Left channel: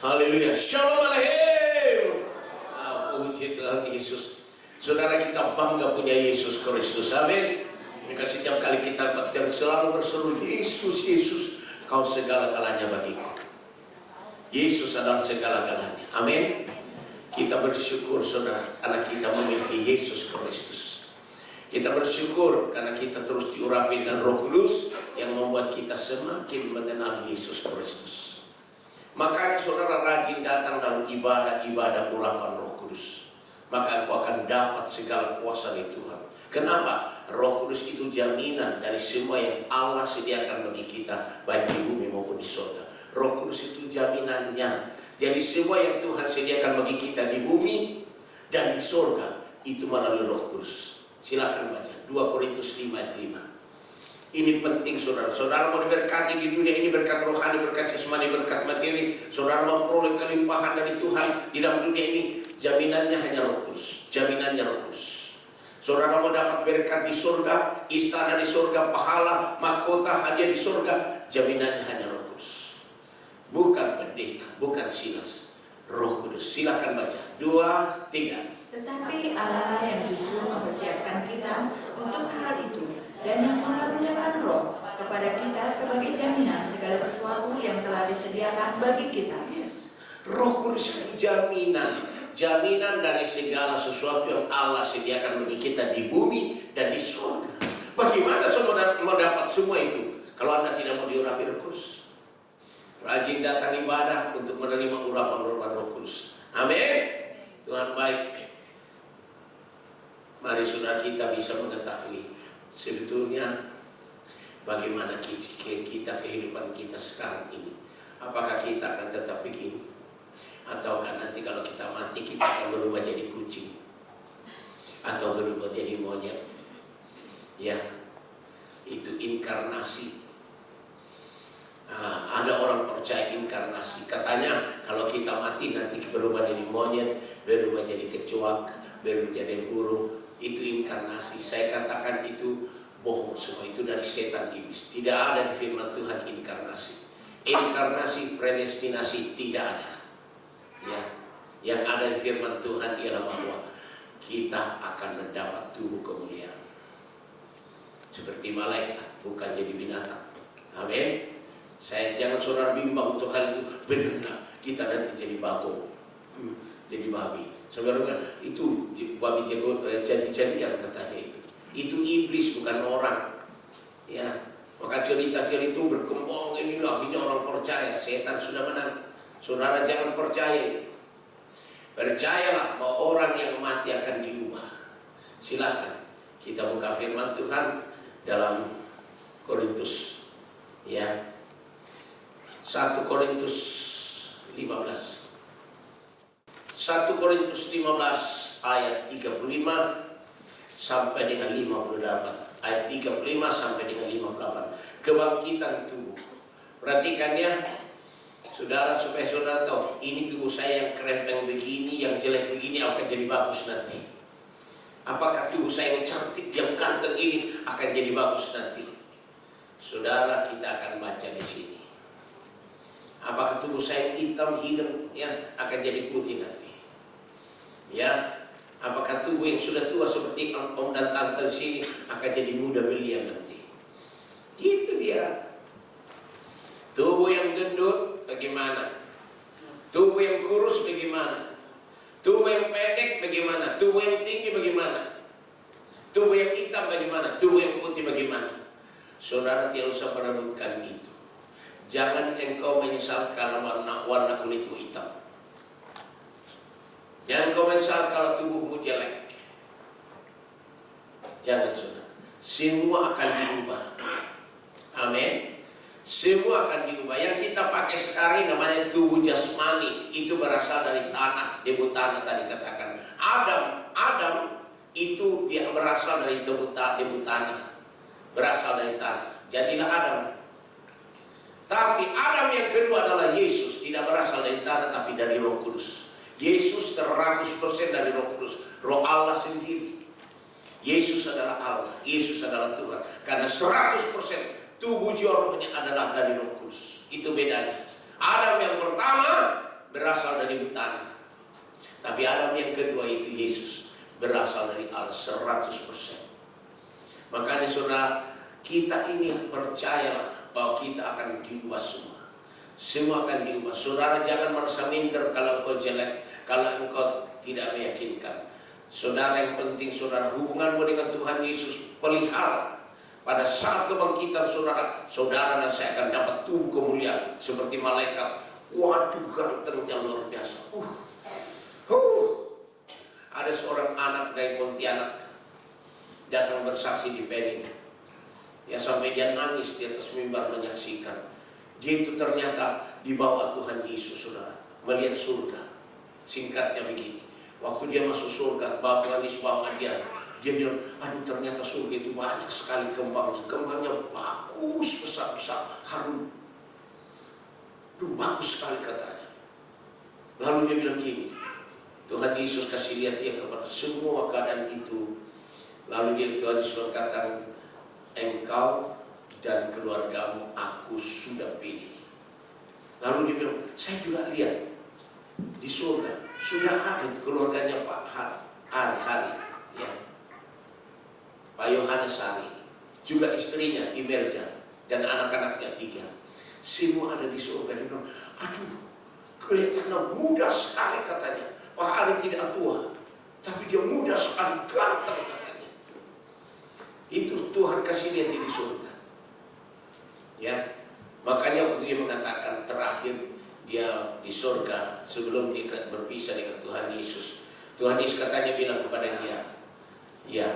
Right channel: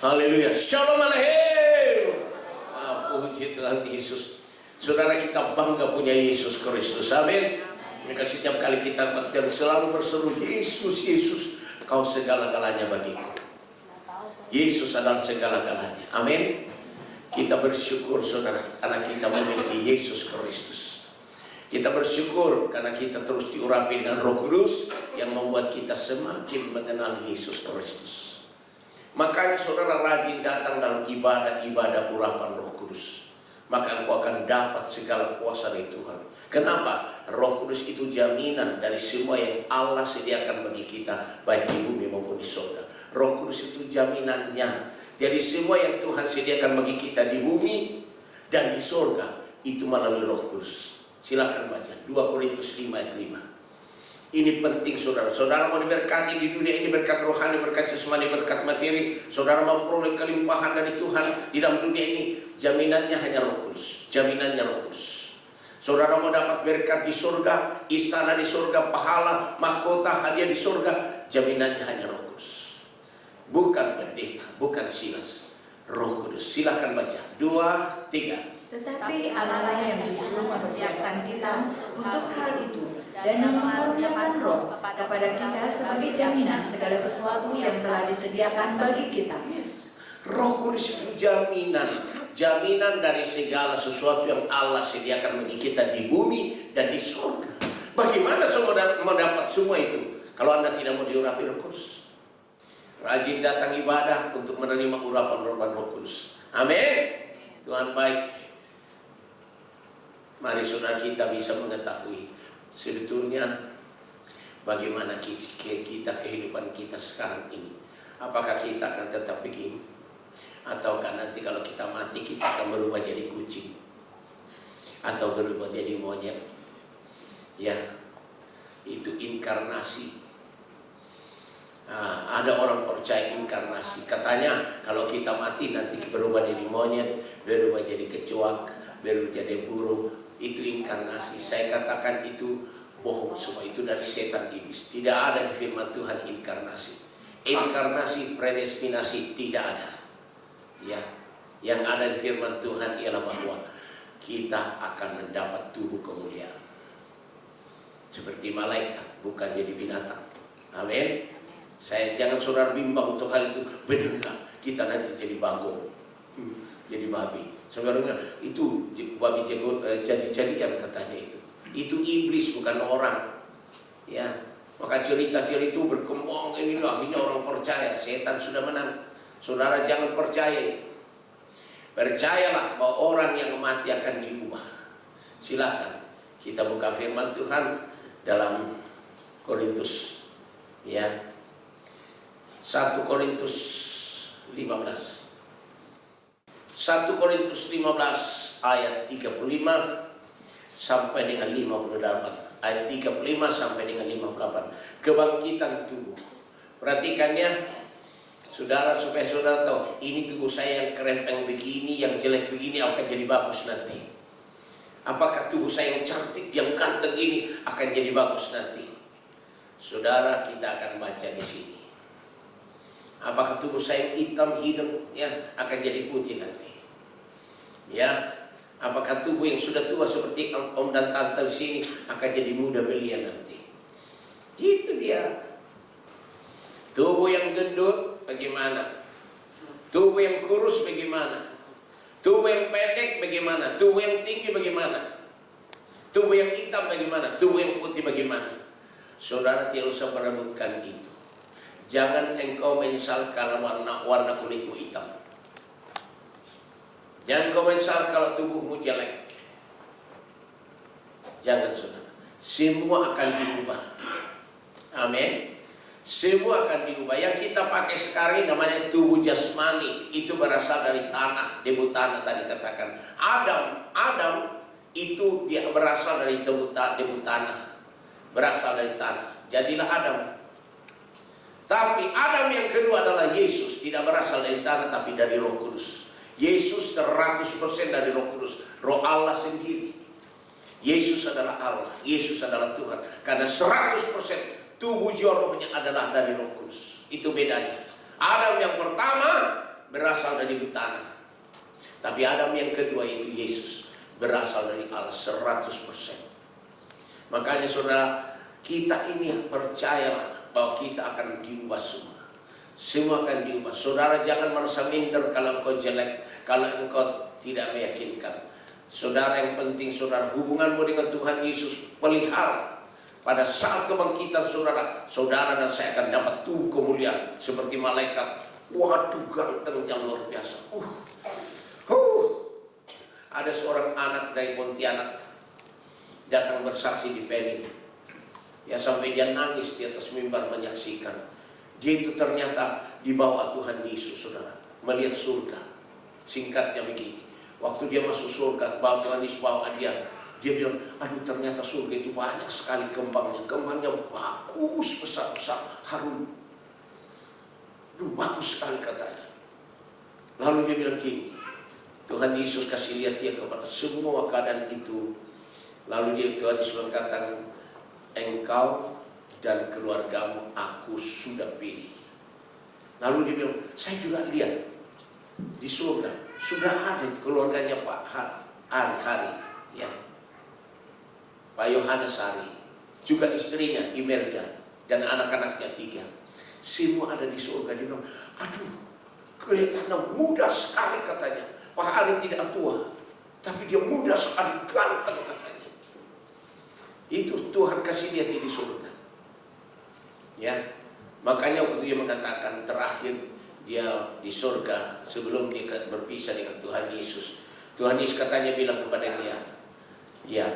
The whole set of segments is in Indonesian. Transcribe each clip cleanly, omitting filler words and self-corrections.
Haleluya. Shalom Aleichem. Puji Tuhan Yesus. Saudara, kita bangga punya Yesus Kristus. Amin. Maka setiap kali kita selalu berseru, Yesus, Yesus, kau segala-galanya bagiku. Yesus adalah segala-galanya. Amin. Kita bersyukur saudara karena kita memiliki Yesus Kristus. Kita bersyukur karena kita terus diurapi dengan Roh Kudus yang membuat kita semakin mengenal Yesus Kristus. Makanya saudara rajin datang dalam ibadah-ibadah urapan Roh Kudus. Maka engkau akan dapat segala kuasa dari Tuhan. Kenapa? Roh Kudus itu jaminan dari semua yang Allah sediakan bagi kita, baik di bumi maupun di surga. Roh Kudus itu jaminannya. Jadi semua yang Tuhan sediakan bagi kita di bumi dan di surga itu melalui Roh Kudus. Silakan baca 2 Korintus 5 ayat 5. Ini penting saudara. Saudara mau diberkati di dunia ini, berkat rohani, berkat jasmani, berkat materi. Saudara mau memperoleh kelimpahan dari Tuhan di dalam dunia ini, jaminannya hanya Roh Kudus. Jaminannya Roh Kudus. Saudara mau dapat berkat di surga, istana di surga, pahala, mahkota, hadiah di surga, jaminannya hanya Roh Kudus. Bukan pendeta, bukan Silas, Roh Kudus. Silakan baca 2, 3. Tetapi Allah yang justru mempersiapkan kita untuk hal itu dan yang mengaruniakan Roh kepada kita sebagai jaminan segala sesuatu yang telah disediakan bagi kita. Roh Kudus itu jaminan dari segala sesuatu yang Allah sediakan bagi kita di bumi dan di surga. Bagaimana saudara mau dapat semua itu kalau Anda tidak mau diurapi Roh Kudus? Rajin datang ibadah untuk menerima urapan-urapan Roh Kudus. Amin. Tuhan baik. Mari saudara kita bisa mengetahui sebetulnya bagaimana kita kehidupan kita sekarang ini. Apakah kita akan tetap begini? Ataukah nanti kalau kita mati kita akan berubah jadi kucing? Atau berubah jadi monyet? Ya, itu inkarnasi. Ada orang percaya inkarnasi. Katanya kalau kita mati nanti berubah jadi monyet, berubah jadi kecoak, berubah jadi burung. Itu inkarnasi. Saya katakan itu bohong semua. Itu dari setan iblis. Tidak ada di firman Tuhan inkarnasi. Inkarnasi, predestinasi tidak ada. Ya, yang ada di firman Tuhan ialah bahwa kita akan mendapat tubuh kemuliaan seperti malaikat, bukan jadi binatang. Amin. Saya jangan saudara bimbang untuk hal itu. Benar kita nanti jadi bagong, jadi babi. Saudara bilang itu babi jadi-jadian katanya itu. Itu iblis bukan orang. Ya, maka cerita-cerita itu berkembang. Ini orang percaya setan sudah menang. Saudara jangan percaya itu. Percayalah bahwa orang yang mati akan diubah. Silakan kita buka firman Tuhan dalam Korintus, ya, 1 Korintus 15. 1 Korintus 15 ayat 35 sampai dengan 58. Ayat 35 sampai dengan 58. Kebangkitan tubuh. Perhatikan ya, saudara, supaya saudara tahu, ini tubuh saya yang kerempeng begini, yang jelek begini akan jadi bagus nanti. Apakah tubuh saya yang cantik, yang ganteng ini akan jadi bagus nanti? Saudara, kita akan baca di sini. Apakah tubuh saya yang hitam, hidung, ya, akan jadi putih nanti? Ya, apakah tubuh yang sudah tua seperti om dan tante di sini akan jadi muda belia nanti? Gitu dia. Tubuh yang gendut bagaimana? Tubuh yang kurus bagaimana? Tubuh yang pendek bagaimana? Tubuh yang tinggi bagaimana? Tubuh yang hitam bagaimana? Tubuh yang putih bagaimana? Saudara tidak usah merebutkan itu. Jangan engkau menyesal kalau warna kulitmu hitam. Jangan kau menyesal kalau tubuhmu jelek. Jangan saudara. Semua akan diubah. Amin. Semua akan diubah. Yang kita pakai sekarang namanya tubuh jasmani. Itu berasal dari tanah. Debu tanah tadi katakan. Adam itu dia berasal dari debu tanah. Berasal dari tanah. Jadilah Adam. Tapi Adam yang kedua adalah Yesus. Tidak berasal dari tanah tapi dari Roh Kudus. Yesus 100% dari Roh Kudus. Roh Allah sendiri. Yesus adalah Allah. Yesus adalah Tuhan. Karena 100% tubuh jiwa rohnya adalah dari Roh Kudus. Itu bedanya. Adam yang pertama berasal dari tanah. Tapi Adam yang kedua itu Yesus, berasal dari Allah 100%. Makanya saudara, kita ini percayalah bahwa kita akan diubah semua. Semua akan diubah. Saudara jangan merasa minder kalau engkau jelek, kalau engkau tidak meyakinkan. Saudara, yang penting saudara, hubunganmu dengan Tuhan Yesus pelihara. Pada saat kebangkitan saudara, saudara dan saya akan dapat tubuh kemuliaan seperti malaikat. Waduh, gantengnya luar biasa. Ada seorang anak dari Pontianak datang bersaksi di Pening. Ya, sampai dia nangis di atas mimbar menyaksikan. Dia itu ternyata dibawa Tuhan Yesus, saudara, melihat surga. Singkatnya begini, waktu dia masuk surga, Tuhan Yesus bawa dia bilang, aduh ternyata surga itu banyak sekali kembangnya. Kembangnya bagus, besar-besar, harum. Aduh, bagus sekali katanya. Lalu dia bilang gini, Tuhan Yesus kasih lihat dia kepada semua keadaan itu. Lalu Tuhan Yesus berkata, engkau dan keluargamu aku sudah pilih. Lalu dia bilang, saya juga lihat di surga sudah ada keluarganya Pak Hari, ya, Pak Yohanes Hari, juga istrinya Imelda dan anak-anaknya 3. Semua ada di surga. Dia bilang, aduh, kelihatannya muda sekali katanya. Pak Hari tidak tua, tapi dia muda sekali, ganteng katanya. Itu Tuhan kasih lihat di surga. Ya, makanya waktu dia mengatakan terakhir dia di surga sebelum dia berpisah dengan Tuhan Yesus. Tuhan Yesus katanya bilang kepada dia, ya,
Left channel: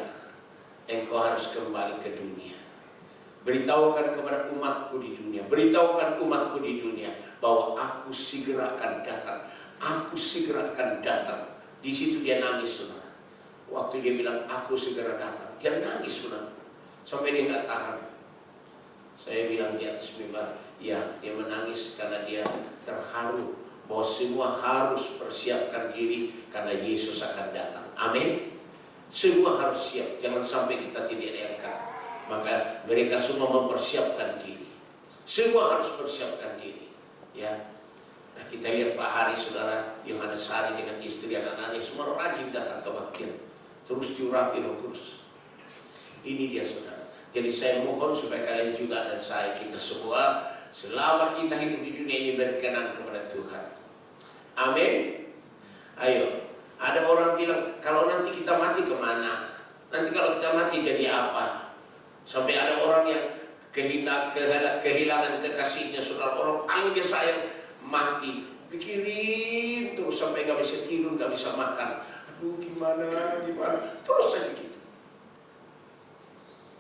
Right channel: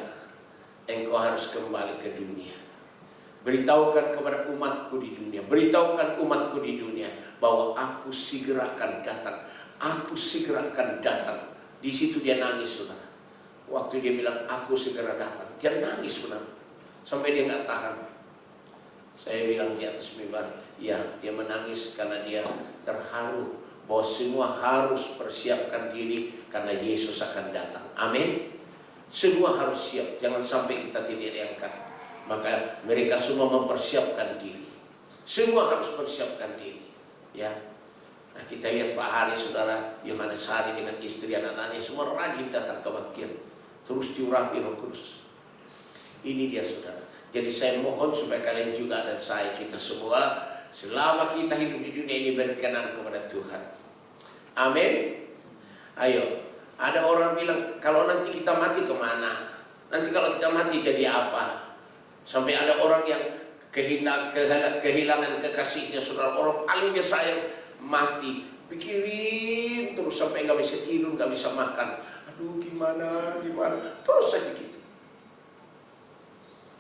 engkau harus kembali ke dunia. Beritahukan kepada umatku di dunia, beritahukan umatku di dunia bahwa aku segera akan datang. Aku segera akan datang. Di situ dia nangis, saudara. Waktu dia bilang aku segera datang, dia nangis, saudara, sampai dia nggak tahan. Saya bilang di atas mimbar, ya, dia menangis karena dia terharu bahwa semua harus persiapkan diri karena Yesus akan datang. Amin. Semua harus siap, jangan sampai kita tidak diangkat. Maka mereka semua mempersiapkan diri. Semua harus persiapkan diri. Ya. Nah, kita lihat Pak Hari, saudara, Yohanes Hari dengan istri dan anak-anaknya semua rajin datang ke bakir. Terus diurapi Roh Kudus. Ini dia, saudara. Jadi saya mohon supaya kalian juga dan saya, kita semua, selama kita hidup di dunia ini berkenan kepada Tuhan. Amin. Ayo. Ada orang bilang, kalau nanti kita mati kemana? Nanti kalau kita mati jadi apa? Sampai ada orang yang kehilangan kekasihnya, saudara. Orang paling dia sayang mati. Pikirin terus sampai gak bisa tidur, gak bisa makan. Aduh, gimana? Terus saja gitu.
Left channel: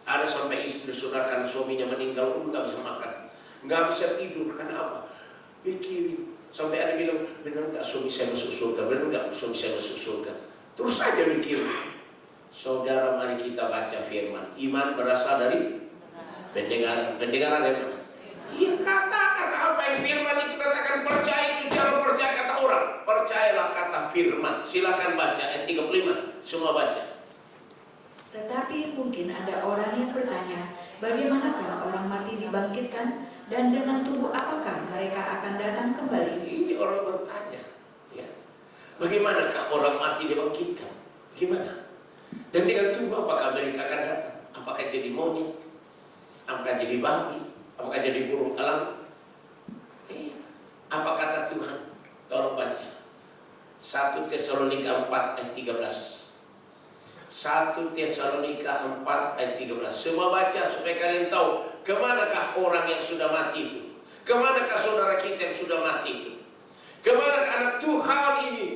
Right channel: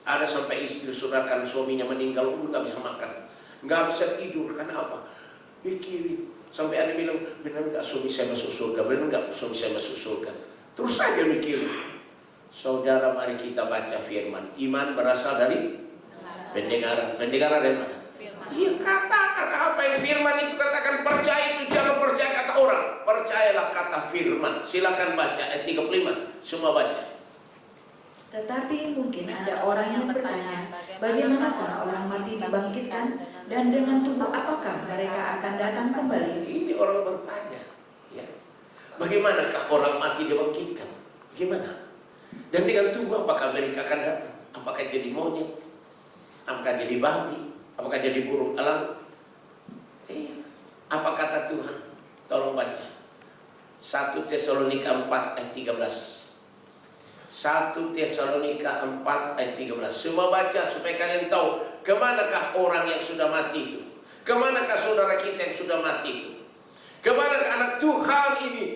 Ada sampai istri saudara kan suaminya meninggal, gak bisa makan, gak bisa tidur. Karena apa? Pikirin. Sampai ada bilang, benar gak suami saya masuk surga? Benar gak suami saya masuk surga? Terus saja mikir. Saudara, mari kita baca firman. Iman berasal dari pendengaran. Pendengaran dari mana? Iya, kata apa yang firman itu katakan. Percaya itu jangan percaya kata orang. Percayalah kata firman. Silakan baca ayat 35. Semua baca. Tetapi mungkin ada orang yang bertanya, bagaimanakah orang mati dibangkitkan, dan dengan tubuh apakah mereka akan datang kembali? Ini orang bertanya, ya. Bagaimanakah orang mati dibangkitkan? Gimana? Dan dengan tubuh apakah mereka akan datang? Apakah jadi monyet? Apakah jadi babi? Apakah jadi burung elang? Apa kata Tuhan? Tolong baca 1 Tesalonika 4 ayat 13. 1 Tesalonika 4 ayat 13. Semua baca supaya kalian tahu kemanakah orang yang sudah mati itu. Kemanakah saudara kita yang sudah mati itu. Kemanakah anak Tuhan ini.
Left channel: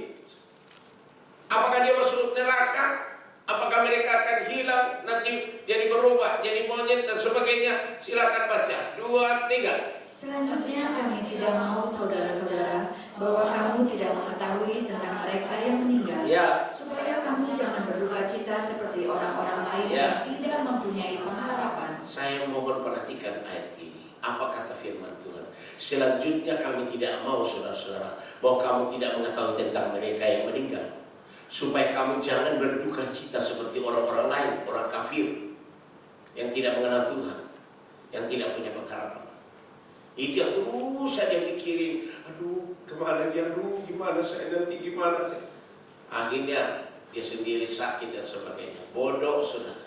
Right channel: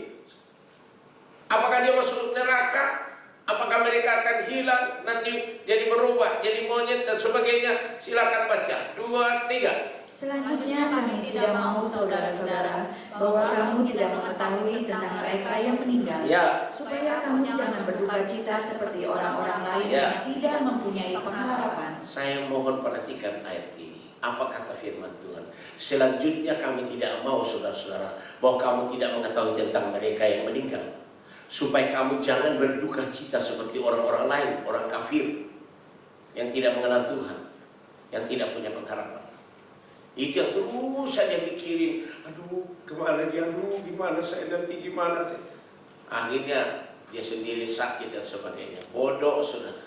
Apakah dia masuk neraka? Apakah mereka akan hilang, nanti jadi berubah, jadi monyet dan sebagainya? Silakan baca 2, 3. Selanjutnya kami tidak mau saudara-saudara bahwa kamu tidak mengetahui tentang mereka yang meninggal, Ya. supaya kamu jangan berduka cita seperti orang-orang lain yang tidak mempunyai pengharapan. Saya mohon perhatikan ayat ini. Apa kata firman Tuhan? Selanjutnya kami tidak mau saudara-saudara bahwa kamu tidak mengetahui tentang mereka yang meninggal, supaya kamu jangan berduka cita seperti orang-orang lain, orang kafir yang tidak mengenal Tuhan, yang tidak punya pengharapan. Itu yang terus saja mikirin, aduh kemana dia, aduh gimana saya nanti, gimana saya. Akhirnya dia sendiri sakit dan sebagainya. Bodoh saudara,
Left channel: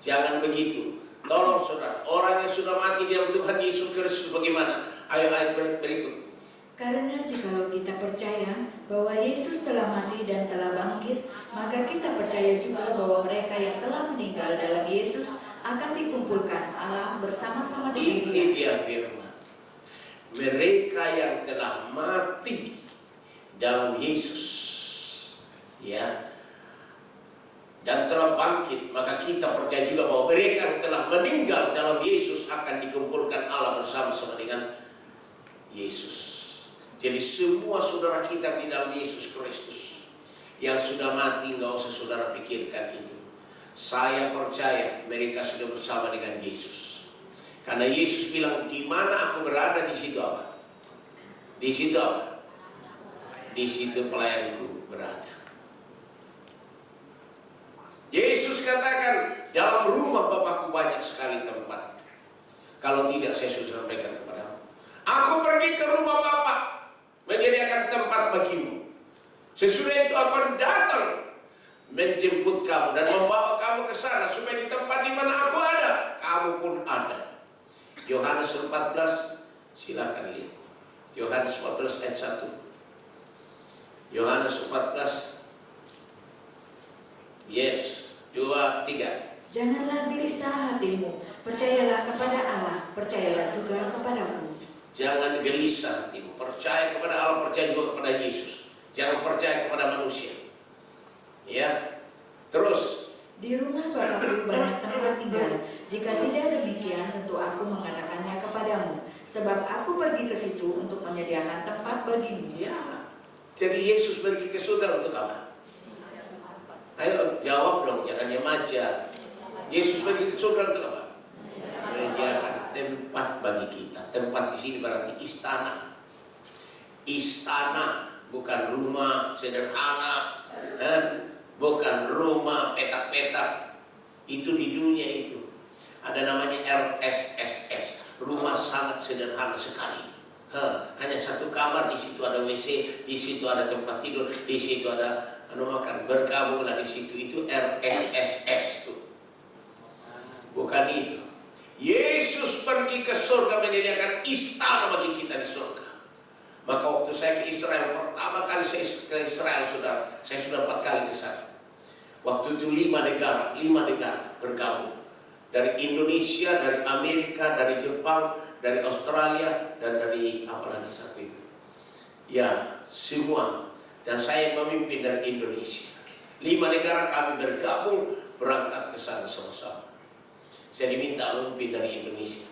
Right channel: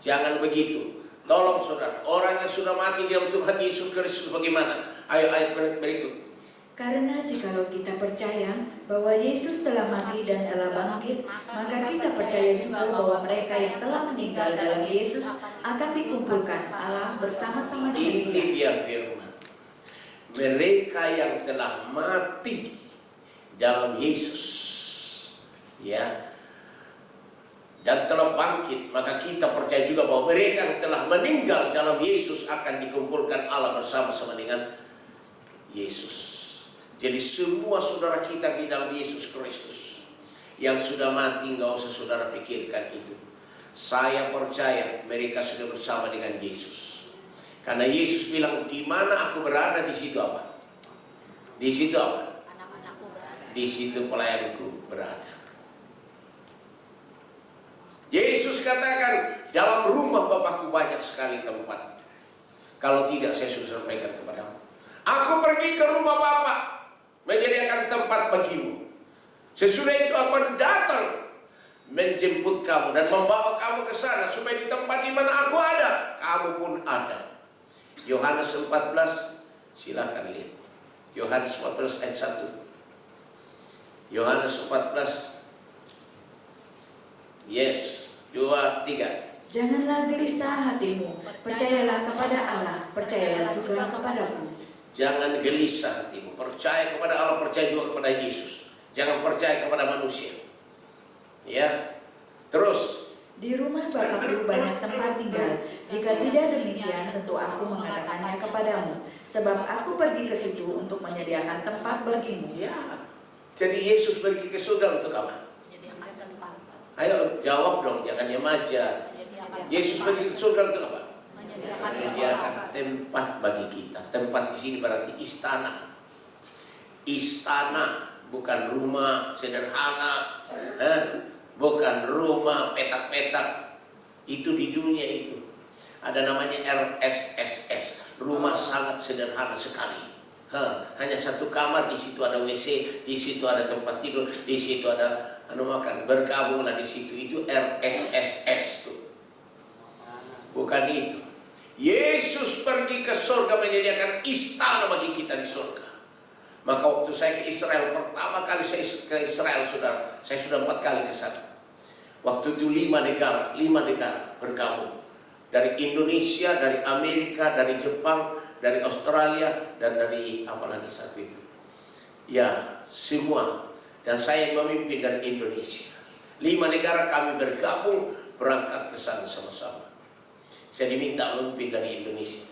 jangan begitu. Tolong saudara, orang yang sudah mati di dalam Tuhan Yesus Kristus bagaimana? Ayo ayat berikut. Karena jikalau kita percaya bahwa Yesus telah mati dan telah bangkit, maka kita percaya juga bahwa mereka yang telah meninggal dalam Yesus akan dikumpulkan Allah bersama-sama dengan Ini dia firman. Mereka yang telah mati dalam Yesus, ya, dan telah bangkit, maka kita percaya juga bahwa mereka yang telah meninggal dalam Yesus akan dikumpulkan Allah bersama-sama dengan Yesus. Jadi semua saudara kita di dalam Yesus Kristus yang sudah mati, nggak usah saudara pikirkan itu. Saya percaya mereka sudah bersama dengan Yesus. Karena Yesus bilang, di mana aku berada, di situ apa? Di situ apa? Di situ pelayanku berada. Yesus katakan, dalam rumah Bapakku banyak sekali tempat. Kalau tidak, saya sudah sampaikan kepadamu. Aku pergi ke rumah Bapa, menyediakan tempat bagimu. Sesudah itu akan datang menjemput kamu dan membawa kamu ke sana, supaya di tempat di mana aku ada, kamu pun ada. Yohanes 14, silakan lihat. Yohanes 14 ayat 1. Yohanes 14. Yes, 2, 3. Janganlah gelisah hatimu, percayalah kepada Allah, percayalah juga kepadaku. Jangan gelisah hatimu, percaya kepada Allah, percaya juga kepada Yesus. Jangan percaya kepada manusia. Ya, terus. Di rumah Bapakku banyak tempat tinggal. Jika tidak demikian, tentu aku mengatakannya kepadamu. Sebab aku pergi ke situ untuk menyediakan tempat bagimu. Ya, jadi Yesus pergi ke surga untuk apa? Ayo jawab dong, jangan diam aja. Yesus pergi ke surga untuk apa? Menyediakan tempat bagi kita. Tempat di sini berarti istana. Istana, bukan rumah sederhana, bukan rumah petak-petak. Itu di dunia itu ada namanya RSSS, rumah sangat sederhana sekali. Hanya satu kamar, di situ ada WC, di situ ada tempat tidur, di situ ada makan, bergabunglah di situ. Itu RSSS tuh. Bukan itu. Yesus pergi ke surga menyediakan istana bagi kita di surga. Maka waktu saya ke Israel, pertama kali saya ke Israel, saudara, saya sudah 4 kali ke sana. Waktu itu 5 negara bergabung. Dari Indonesia, dari Amerika, dari Jepang, dari Australia, dan dari apa lagi satu itu. Ya, semua. Dan saya memimpin dari Indonesia. 5 negara kami bergabung, berangkat ke sana sama-sama. Saya diminta memimpin dari Indonesia.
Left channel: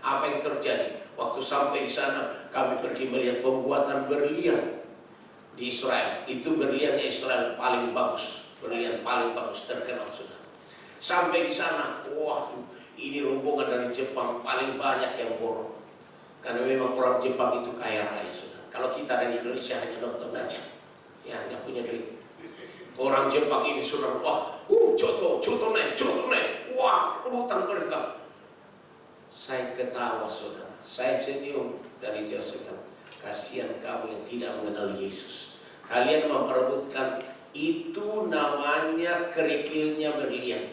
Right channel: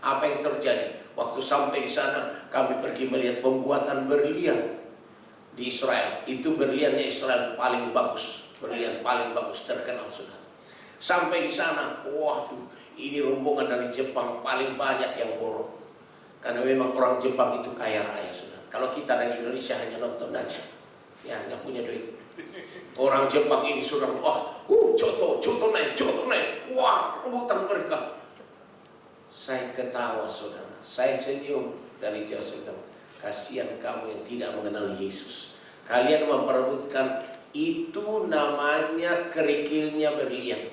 Apa yang terjadi? Waktu sampai di sana, kami pergi melihat pembuatan berlian di Israel. Itu berliannya Israel paling bagus, berlian paling bagus, terkenal sudah. Sampai di sana, waduh, ini rombongan dari Jepang paling banyak yang borong. Karena memang orang Jepang itu kaya raya sudah. Kalau kita dari Indonesia hanya nonton aja, ya nggak punya duit. Orang Jepang ini sudah, wah, coto naik, wah, rebutan mereka. Saya ketawa saudara, saya senyum dari jauh saudara. Kasihan kamu yang tidak mengenal Yesus. Kalian memperebutkan, itu namanya kerikilnya berlian.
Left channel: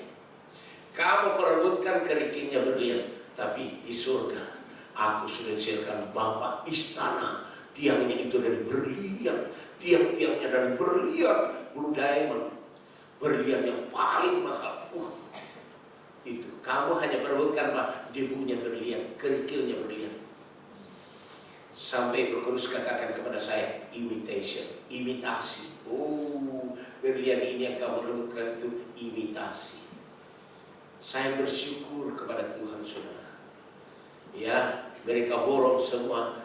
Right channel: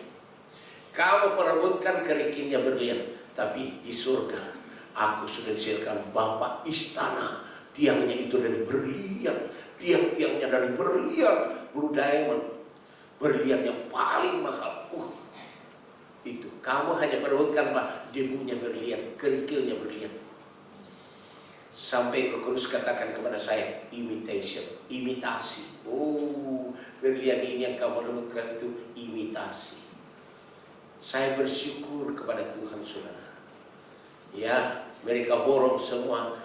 Kamu perebutkan kerikilnya berlian. Tapi di surga, aku sudah disediakan Bapa istana. Tiangnya itu dari berlian, tiang-tiangnya dari berlian, blue diamond, berlian yang paling mahal. Itu kamu hanya perebutkan Pak, debunya berlian, kerikilnya berlian. Sampai Roh Kudus katakan kepada saya, imitasi. Berlian ini yang kamu rebutkan itu imitasi. Saya bersyukur kepada Tuhan saudara. Ya, mereka borong semua.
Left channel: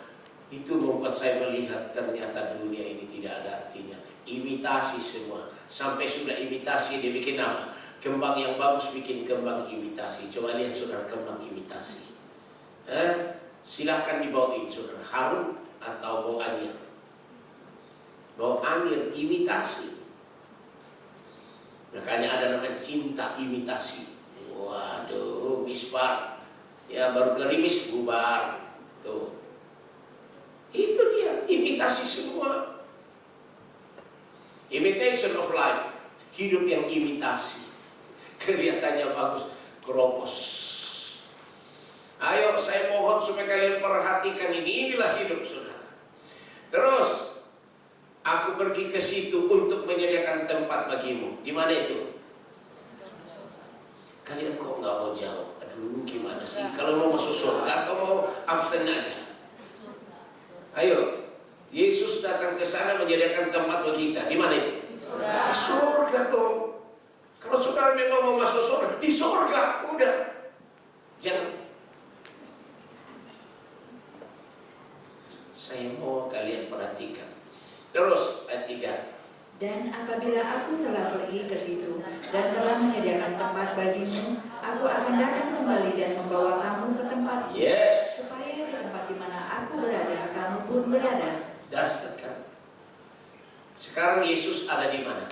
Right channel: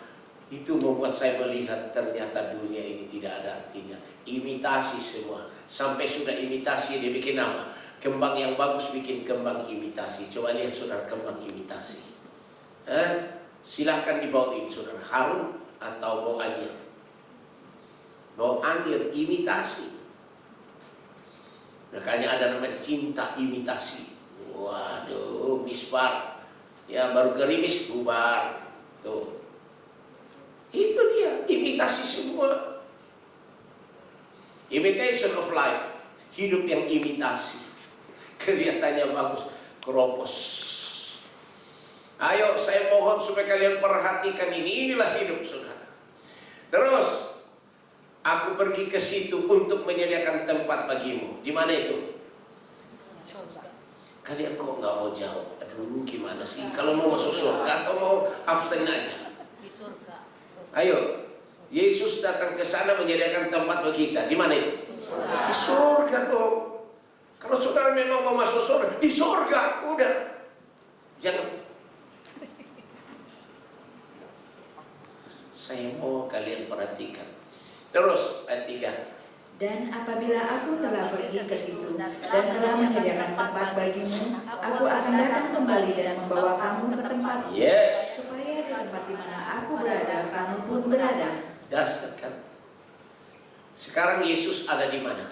Itu membuat saya melihat ternyata dunia ini tidak ada artinya. Imitasi semua. Sampai sudah imitasi dia bikin apa? Kembang yang bagus bikin kembang imitasi. Coba lihat saudara, kembang imitasi. Silahkan dibawain saudara, harum atau bau anjir. Bau anjir, imitasi. Makanya ada namanya cinta imitasi. Waduh, misbar. Ya baru gerimis bubar. Tuh. Itu dia, imitasi semua. Imitation of life. Hidup yang imitasi. Kelihatannya bagus, keropos. Ayo saya mohon supaya kalian perhatikan ini. Inilah hidup saudara. Terus aku pergi ke situ untuk menyediakan tempat bagimu. Di mana itu? Kalian kok nggak mau jawab? Aduh, gimana sih? Kalau mau masuk surga atau mau abstain aja? Ayo, Yesus datang ke sana menyediakan tempat bagi kita. Di mana itu? Di surga dong. Kalau saudara memang mau masuk surga, di surga, udah. Jangan. Saya mau kalian perhatikan. Terus ayat 3. Dan apabila aku telah pergi ke situ dan telah menyediakan tempat bagimu, aku akan datang kembali dan membawa kamu ke tempat Yes. supaya di tempat di mana aku berada, kamu pun berada. Dasar kan. Sekarang Yesus ada di mana?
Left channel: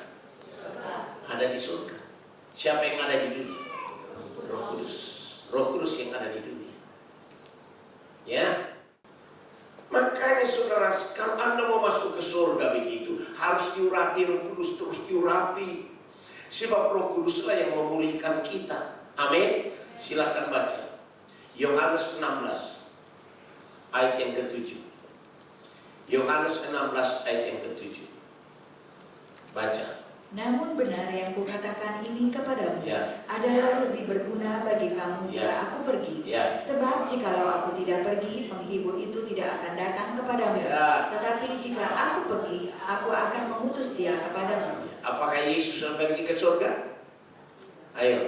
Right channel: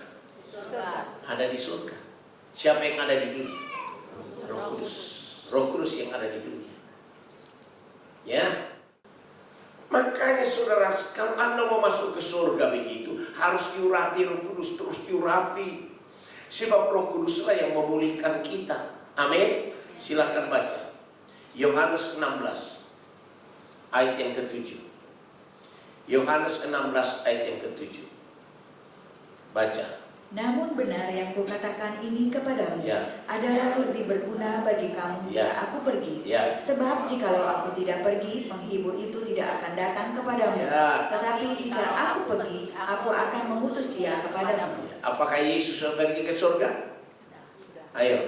Ada di surga. Siapa yang ada di dunia? Roh Kudus. Roh Kudus yang ada di dunia. Ya. Makanya saudara, kalau Anda mau masuk ke surga begitu, harus diurapi Roh Kudus, terus diurapi. Sebab Roh Kuduslah yang memulihkan kita. Amin. Silakan baca. Yohanes 16 ayat yang ke-7. Yohanes 16 ayat yang ke-7. Baca. Namun benar yang kukatakan ini kepadamu Ya. adalah lebih berguna bagi kamu jika Ya. aku pergi. Ya. Sebab jikalau aku tidak pergi, penghibur itu tidak akan datang kepadamu. Ya. Tetapi jika aku pergi, aku akan mengutus dia kepadamu. Apakah Yesus sudah pergi ke surga? Ayo.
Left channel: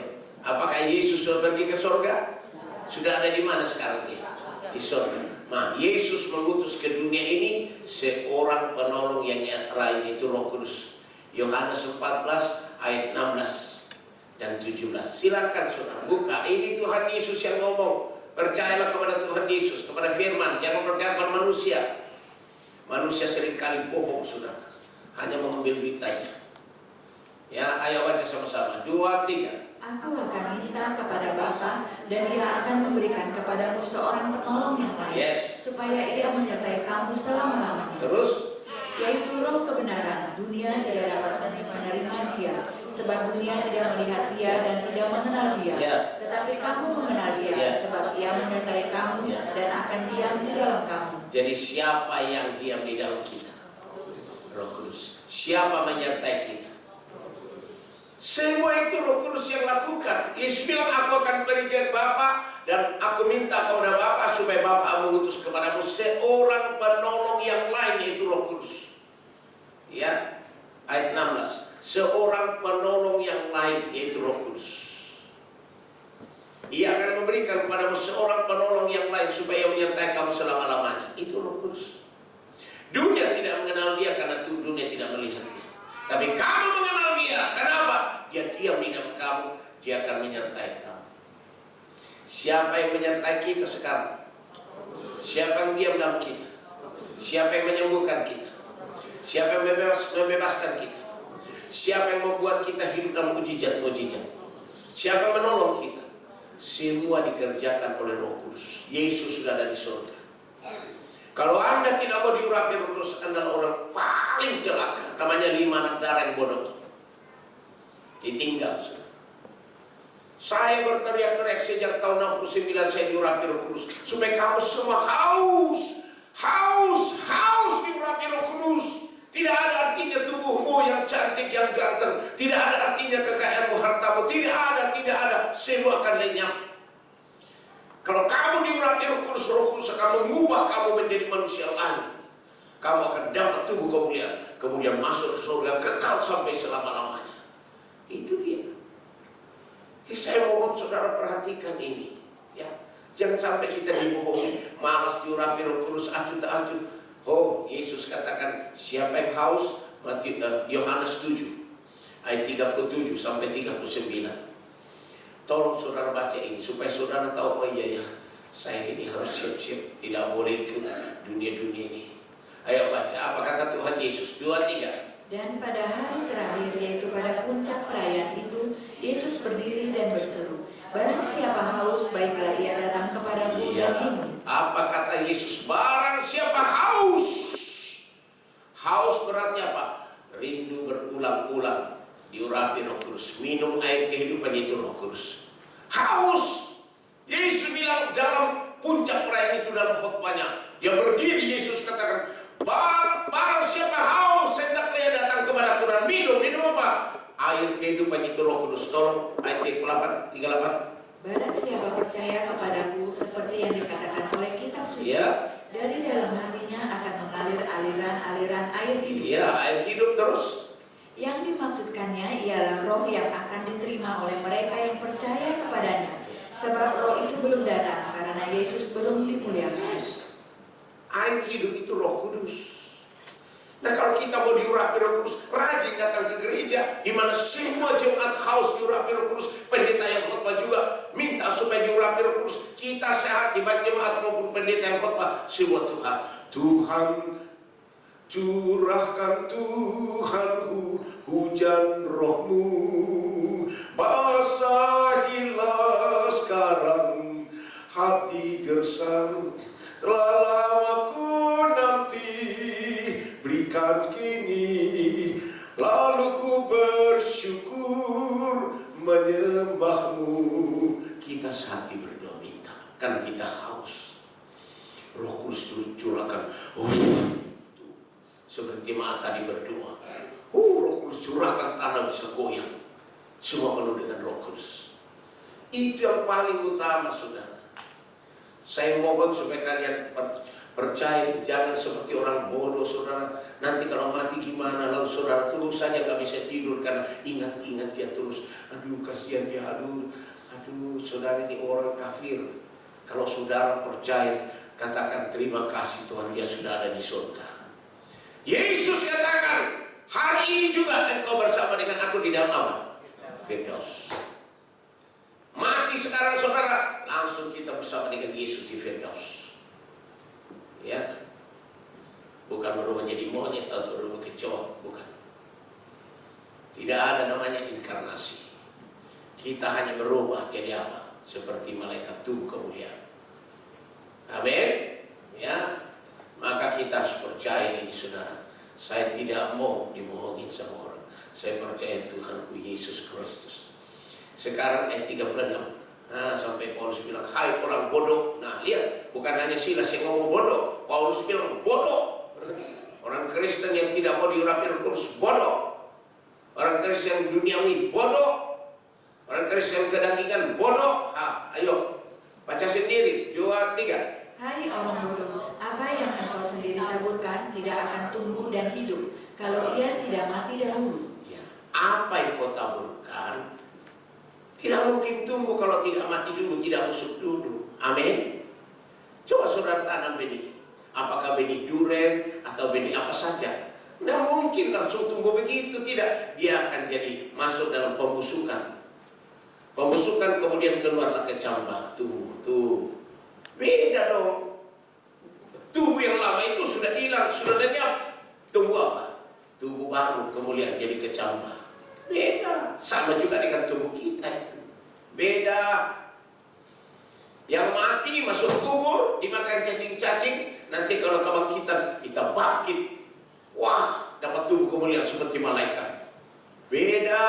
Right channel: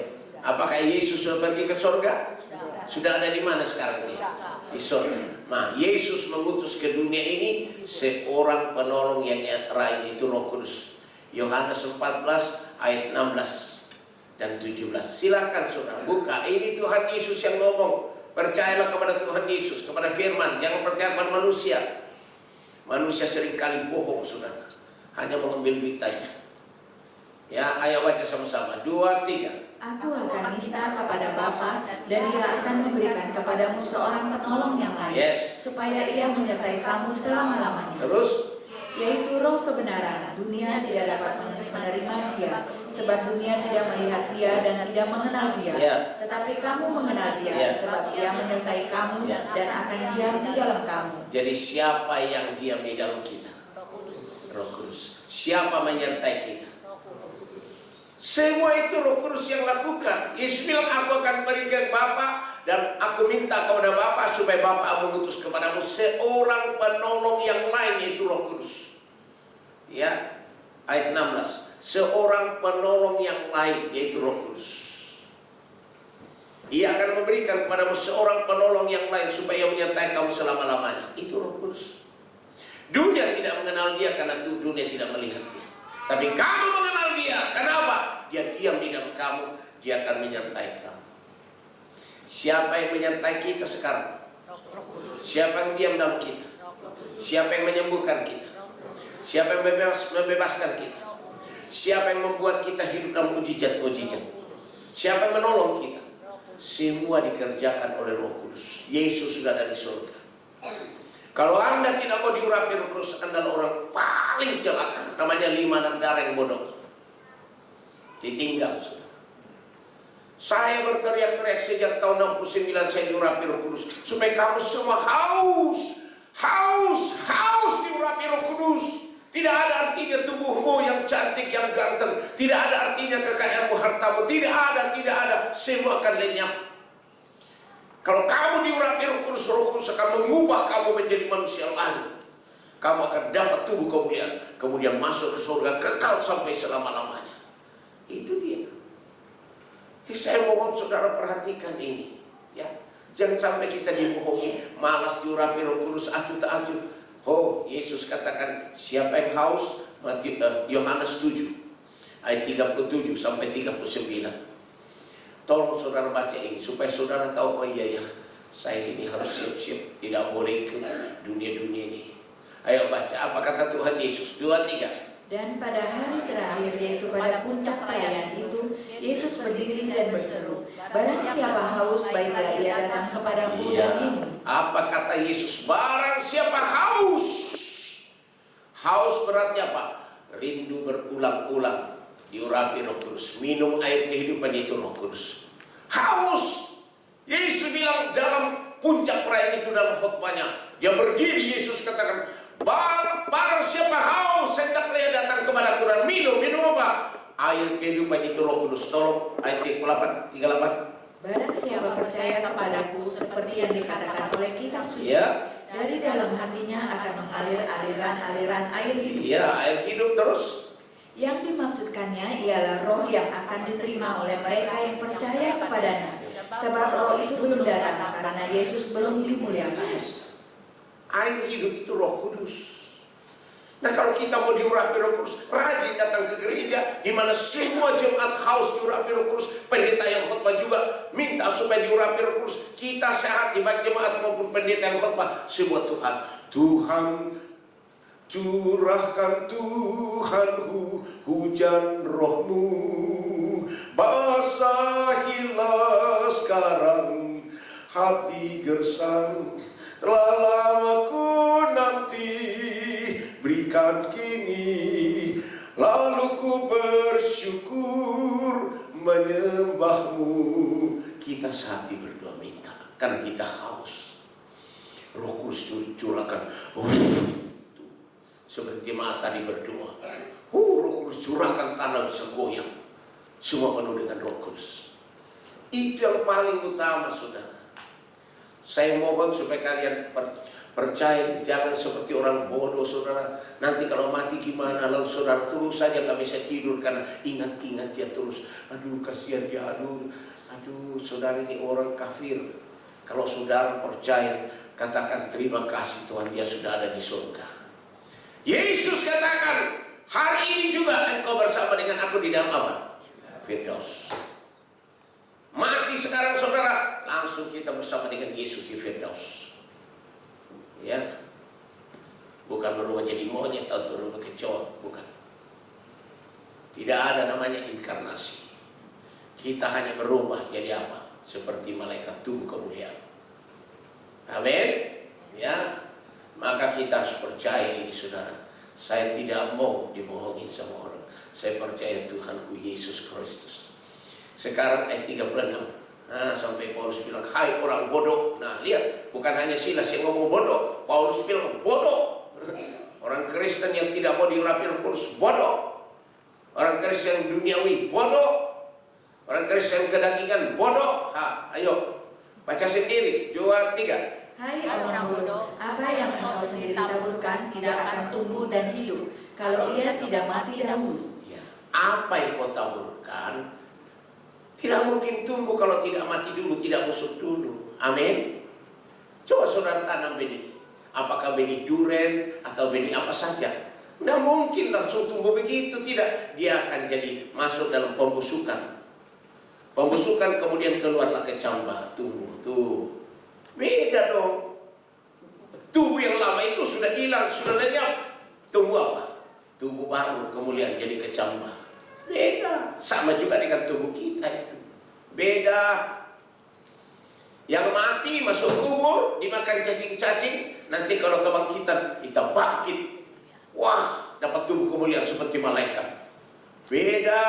Apakah Yesus sudah pergi ke surga? Sudah ada di mana sekarang dia? Di surga. Nah, Yesus mengutus ke dunia ini seorang penolong yang terakhir, itu Roh Kudus. Yohanes 14 ayat 16 dan 17. Silakan saudara buka. Ini Tuhan Yesus yang ngomong. Percayalah kepada Tuhan Yesus, kepada firman. Jangan percaya kepada manusia. Manusia seringkali bohong saudara. Hanya mengambil duit aja. Ya, ayo baca sama-sama. 2, 3. Aku akan minta kepada Bapa dan Ia akan memberikan kepadamu seorang penolong yang lain, Yes. supaya Ia menyertai kamu selama-lamanya. Terus? Yaitu Roh kebenaran. Dunia tidak dapat menerima Dia, sebab dunia tidak melihat Dia dan tidak mengenal Dia. Ya. Tetapi kamu mengenal Dia, Ya. sebab Dia menyertai kamu Ya. dan akan diam di dalam kamu. Jadi siapa yang diam di dalam kita? Roh Kudus. Siapa menyertai kita? Semua itu Roh Kudus yang lakukan. Yesus bilang, aku akan pergi ke Bapa dan aku minta kepada Bapa supaya Bapa mengutus kepadamu seorang penolong yang lain, yaitu Roh Kudus. Ya, ayat 16. Seorang penolong yang lain, yaitu Roh Kudus. Ia akan memberikan kepadamu seorang penolong yang lain supaya menyertai kamu selama-lamanya. Itu Roh Kudus. Dunia tidak mengenal Dia karena dunia tidak melihat Dia. Tapi kamu mengenal Dia. Kenapa? Dia diam di dalam kamu. Dia akan menyertai kamu. Siapa yang menyertai kita sekarang? Siapa yang diam dalam kita? Siapa yang menyembuhkan kita? Siapa yang membebaskan kita? Siapa yang membuat kita hidup dalam mujizat-mujizat? Siapa yang menolong kita? Semua dikerjakan oleh Roh Kudus. Yesus sudah ada di surga. Kalau Anda tidak mau diurapi Roh Kudus, Anda adalah orang paling celaka. Namanya 5 anak darah yang bodoh. Ditinggal. Saya berteriak-teriak sejak tahun 69 saya diurapi Roh Kudus. Supaya kamu semua haus diurapi Roh Kudus. Tidak ada artinya tubuhmu yang cantik, yang ganteng. Tidak ada artinya kekayaanmu, hartamu. Tidak ada. Semua akan lenyap. Kalau kamu diurapi Roh Kudus akan mengubah kamu menjadi manusia lain. Kamu akan dapat tubuh kemuliaan. Kemudian masuk ke surga kekal sampai selama-lamanya. Itu dia. Saya mohon saudara perhatikan ini. Ya. Jangan sampai kita dibohongi. Malas diurapi Roh Kudus, acuh tak acuh. Oh, Yesus katakan siapa yang haus? Yohanes 7 ayat 37 sampai 39. Tolong saudara baca ini supaya saudara tahu, oh iya ya, saya ini harus siap-siap, tidak boleh ke dunia-dunia ini. Ayo baca, apa kata Tuhan Yesus? 2, 3. Dan pada hari terakhir, yaitu pada puncak perayaan itu, Yesus berdiri dan berseru, barang siapa haus, baiklah ia datang kepadaku dan minum. Apa kata Yesus? Barang siapa haus. Haus berarti apa? Rindu berulang-ulang, diurapi Roh Kudus. Minum air kehidupan itu Roh Kudus. Haus. Yesus bilang dalam puncak perayaan itu dalam khotbahnya. Dia berdiri, Yesus katakan, barang siapa haus, hendaklah ia datang kepadaku dan minum. Minum apa? Air kehidupan itu Roh Kudus. Tolong ayat 38. Barang siapa percaya kepadaku, seperti yang dikatakan oleh kitab suci, Ya. dari dalam hatinya akan mengalir aliran-aliran air hidup. Ya, air hidup terus. Yang dimaksudkannya ialah roh yang akan diterima oleh mereka yang percaya kepadanya. Sebab roh itu belum datang karena Yesus belum dimuliakan. Air hidup itu Roh Kudus. Nah, kalau kita mau diurapi Roh Kudus, rajin datang ke gereja di mana semua jemaat haus diurapi Roh Kudus. Pendeta yang khotbah juga minta supaya diurapi Roh Kudus. Kita sehat di baik jemaat maupun pendeta yang khotbah. Semua Tuhan curahkan Tuhan hujan Roh-Mu, basahilah sekarang hati gersang. Telah lama ku nanti, berikan kini, lalu ku bersyukur menyembah-Mu. Kita sehati berdoa minta, karena kita haus. Roh Kudus curahkan. Seperti jemaat tadi berdoa, Roh Kudus curahkan, tanah bisa goyang. Semua penuh dengan Roh Kudus. Itu yang paling utama, saudara. Saya mohon supaya kalian percaya, jangan seperti orang bodoh, saudara. Nanti kalau mati gimana? Lalu saudara terus saja gak bisa tidur karena ingat-ingat dia terus. Aduh, kasihan dia, aduh, saudara ini orang kafir. Kalau saudara percaya, katakan terima kasih Tuhan, dia sudah ada di surga. Yesus katakan, hari ini juga engkau bersama dengan aku di dalam apa? Firdaus. Mati sekarang saudara, langsung kita bersama dengan Yesus di Firdaus. Ya, bukan berubah jadi monyet atau berubah kecoa, bukan. Tidak ada namanya inkarnasi. Kita hanya berubah jadi apa? Seperti malaikat tubuh kemuliaan. Amin. Ya, maka kita harus percaya ini, saudara. Saya tidak mau dibohongi sama orang. Saya percaya Tuhanku Yesus Kristus. Sekarang ayat 36. Nah, sampai Paulus bilang, hai orang bodoh. Nah, lihat, bukan hanya Silas yang ngomong bodoh. Paulus bilang bodoh. Orang Kristen yang tidak mau diurapi Roh Kudus bodoh. Orang Kristen duniawi bodoh. Orang Kristen kedagingan bodoh. Ayo, baca sendiri. 2, 3. Hai orang bodoh, apa yang engkau sendiri taburkan tidak akan tumbuh dan hidup kalau ia tidak mati dahulu. Ya, apa yang kau taburkan tidak mungkin tumbuh kalau tidak mati dulu, tidak busuk dulu. Amin. Coba saudara tanam benih. Apakah benih duren atau benih apa saja? Tidak mungkin langsung tumbuh begitu, tidak. Dia akan jadi masuk dalam pembusukan. Pembusukan kemudian keluarlah kecambah, tumbuh tuh. Beda dong. Tubuh yang lama itu sudah hilang, sudah lenyap. Tumbuh apa? Tubuh baru kemudian jadi kecambah. Beda. Sama juga dengan tubuh kita itu. Beda. Yang mati masuk kubur, dimakan cacing-cacing. Nanti kalau kebangkitan, kita bangkit. Wah, dapat tubuh kemuliaan seperti malaikat. Beda.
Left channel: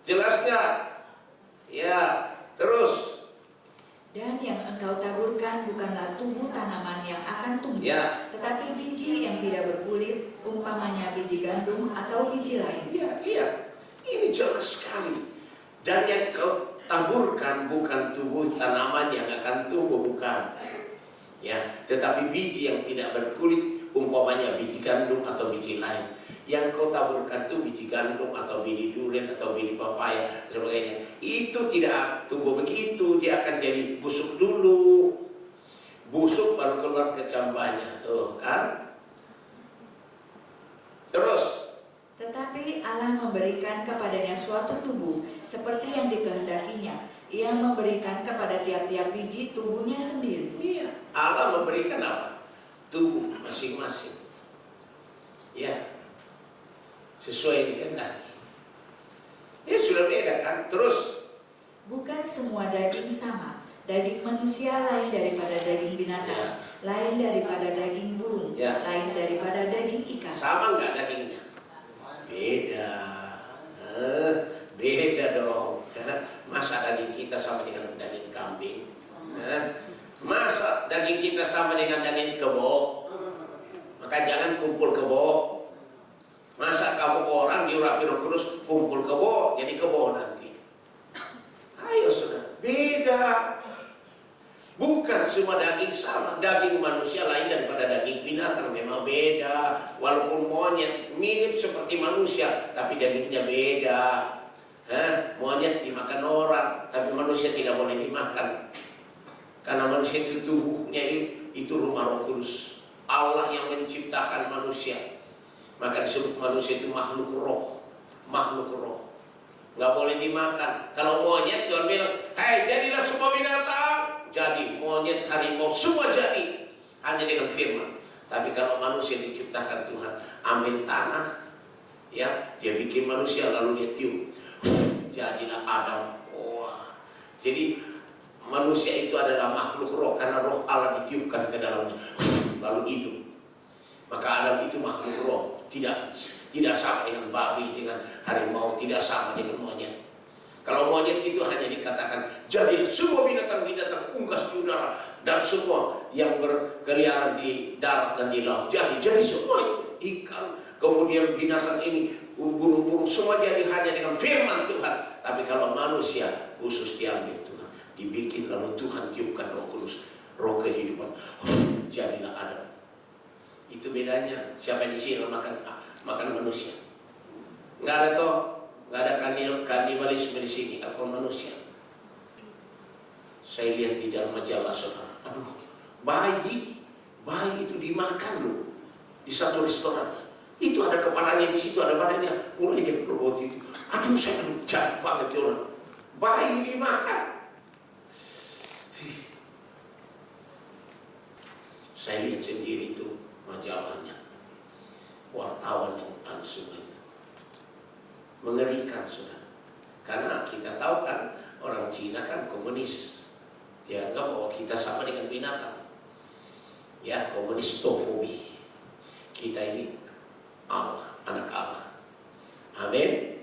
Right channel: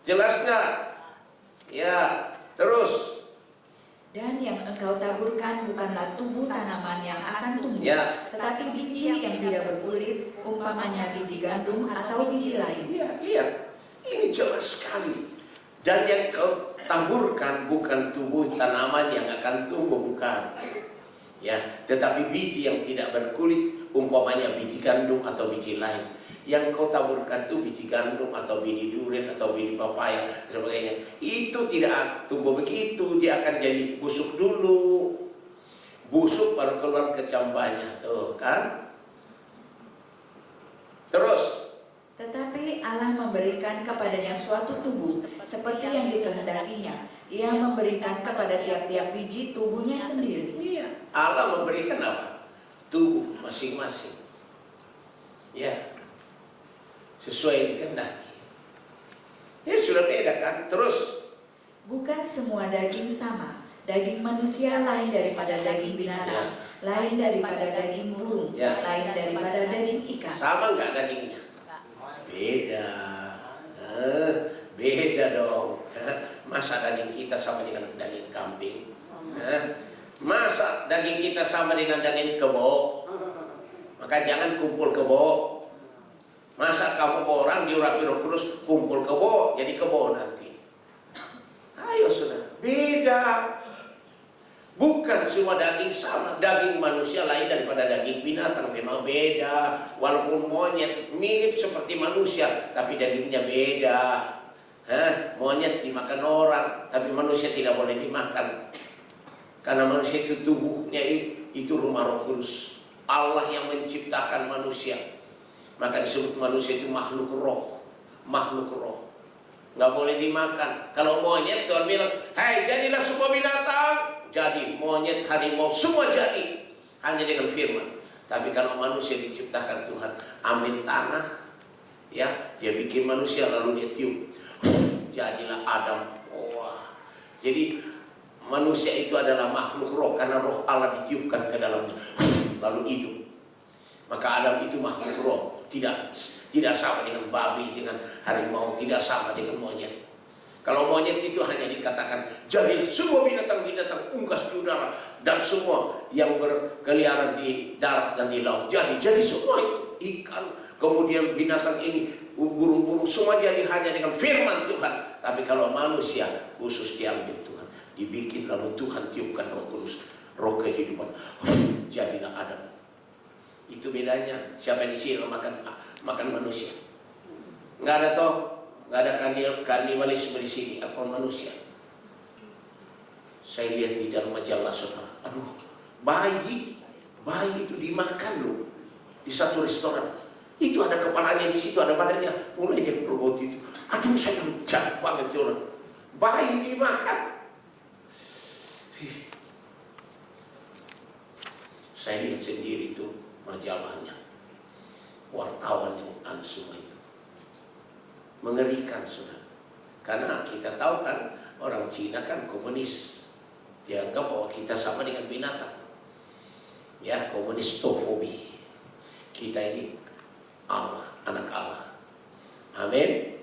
Jelas nggak? Ya, terus. Dan yang engkau taburkan bukanlah tubuh tanaman yang akan tumbuh, Ya. tetapi biji yang tidak berkulit, umpamanya biji gandum atau biji lain. Iya, iya. Ini jelas sekali. Dan yang kau taburkan bukan tubuh tanaman yang akan tumbuh, bukan. Ya, tetapi biji yang tidak berkulit, umpamanya biji gandum atau biji lain. Yang kau taburkan itu biji gandum atau biji durian atau biji papaya dan sebagainya. Itu tidak tumbuh begitu, dia akan jadi busuk dulu. Busuk baru keluar kecambahnya, tuh kan? Terus. Tetapi Allah memberikan kepadanya suatu tubuh seperti yang dikehendakinya. Ia memberikan kepada tiap-tiap biji tubuhnya sendiri. Iya, Allah memberikan apa? Tubuh masing-masing. Ya. Sesuai dikehendaki. Ya sudah beda kan. Terus, bukan semua daging sama, Daging manusia lain daripada daging binatang, lain daripada daging burung, lain daripada daging ikan. Sama nggak dagingnya? Beda. Beda dong. Masa daging kita sama dengan daging kambing? Masa daging kita sama dengan daging kebo? Maka jangan kumpul kebo. Masa kamu orang diurap-urap terus kumpul kebo, jadi kebo nanti. Ayo sudah, beda. Bukan semua daging sama. Daging manusia lain daripada daging binatang, memang beda. Walaupun monyet mirip seperti manusia, tapi dagingnya beda. Monyet dimakan orang, tapi manusia tidak boleh dimakan. Karena manusia itu tubuhnya itu rumah Roh Kudus. Allah yang menciptakan manusia. Maka disebut manusia itu makhluk roh. Makhluk roh. Nggak boleh dimakan. Kalau monyet Tuhan bilang, hai jadilah semua binatang. Jadi monyet, harimau, semua jadi. Hanya dengan firman. Tapi kalau manusia diciptakan Tuhan, ambil tanah, ya, dia bikin manusia lalu dia tiup. Jadilah Adam. Wah. Jadi manusia itu adalah makhluk roh karena roh Allah ditiupkan ke dalam lalu hidup. Maka Adam itu makhluk roh, tidak sama dengan babi, dengan harimau, tidak sama dengan monyet. Kalau monyet itu hanya dikatakan jadi semua binatang-binatang unggas di udara dan semua yang berkeliaran di darat dan di laut. Jadi semua ikan, kemudian binatang ini, burung-burung, semua jadi hanya dengan firman Tuhan. Tapi kalau manusia khusus diambil Tuhan, dibikin lalu Tuhan tiupkan Roh Kudus, roh kehidupan. Jadilah Adam. Itu bedanya. Siapa di sini makan manusia? Nggak ada toh. Nggak ada kanibalisme di sini, akal manusia. Saya lihat di dalam majalah saudara, aduh, bayi itu dimakan loh di satu restoran. Itu ada kepalanya di situ, ada badannya, mulai dia berbau itu. Aduh, saya jahat banget orang. Bayi dimakan. Saya lihat sendiri itu majalahnya, wartawan yang semua itu. Mengerikan sudah. Karena kita tahu kan orang Cina kan komunis. Dianggap bahwa kita sama dengan binatang. Ya, komunistofobi. Kita ini Allah, anak Allah. Amin.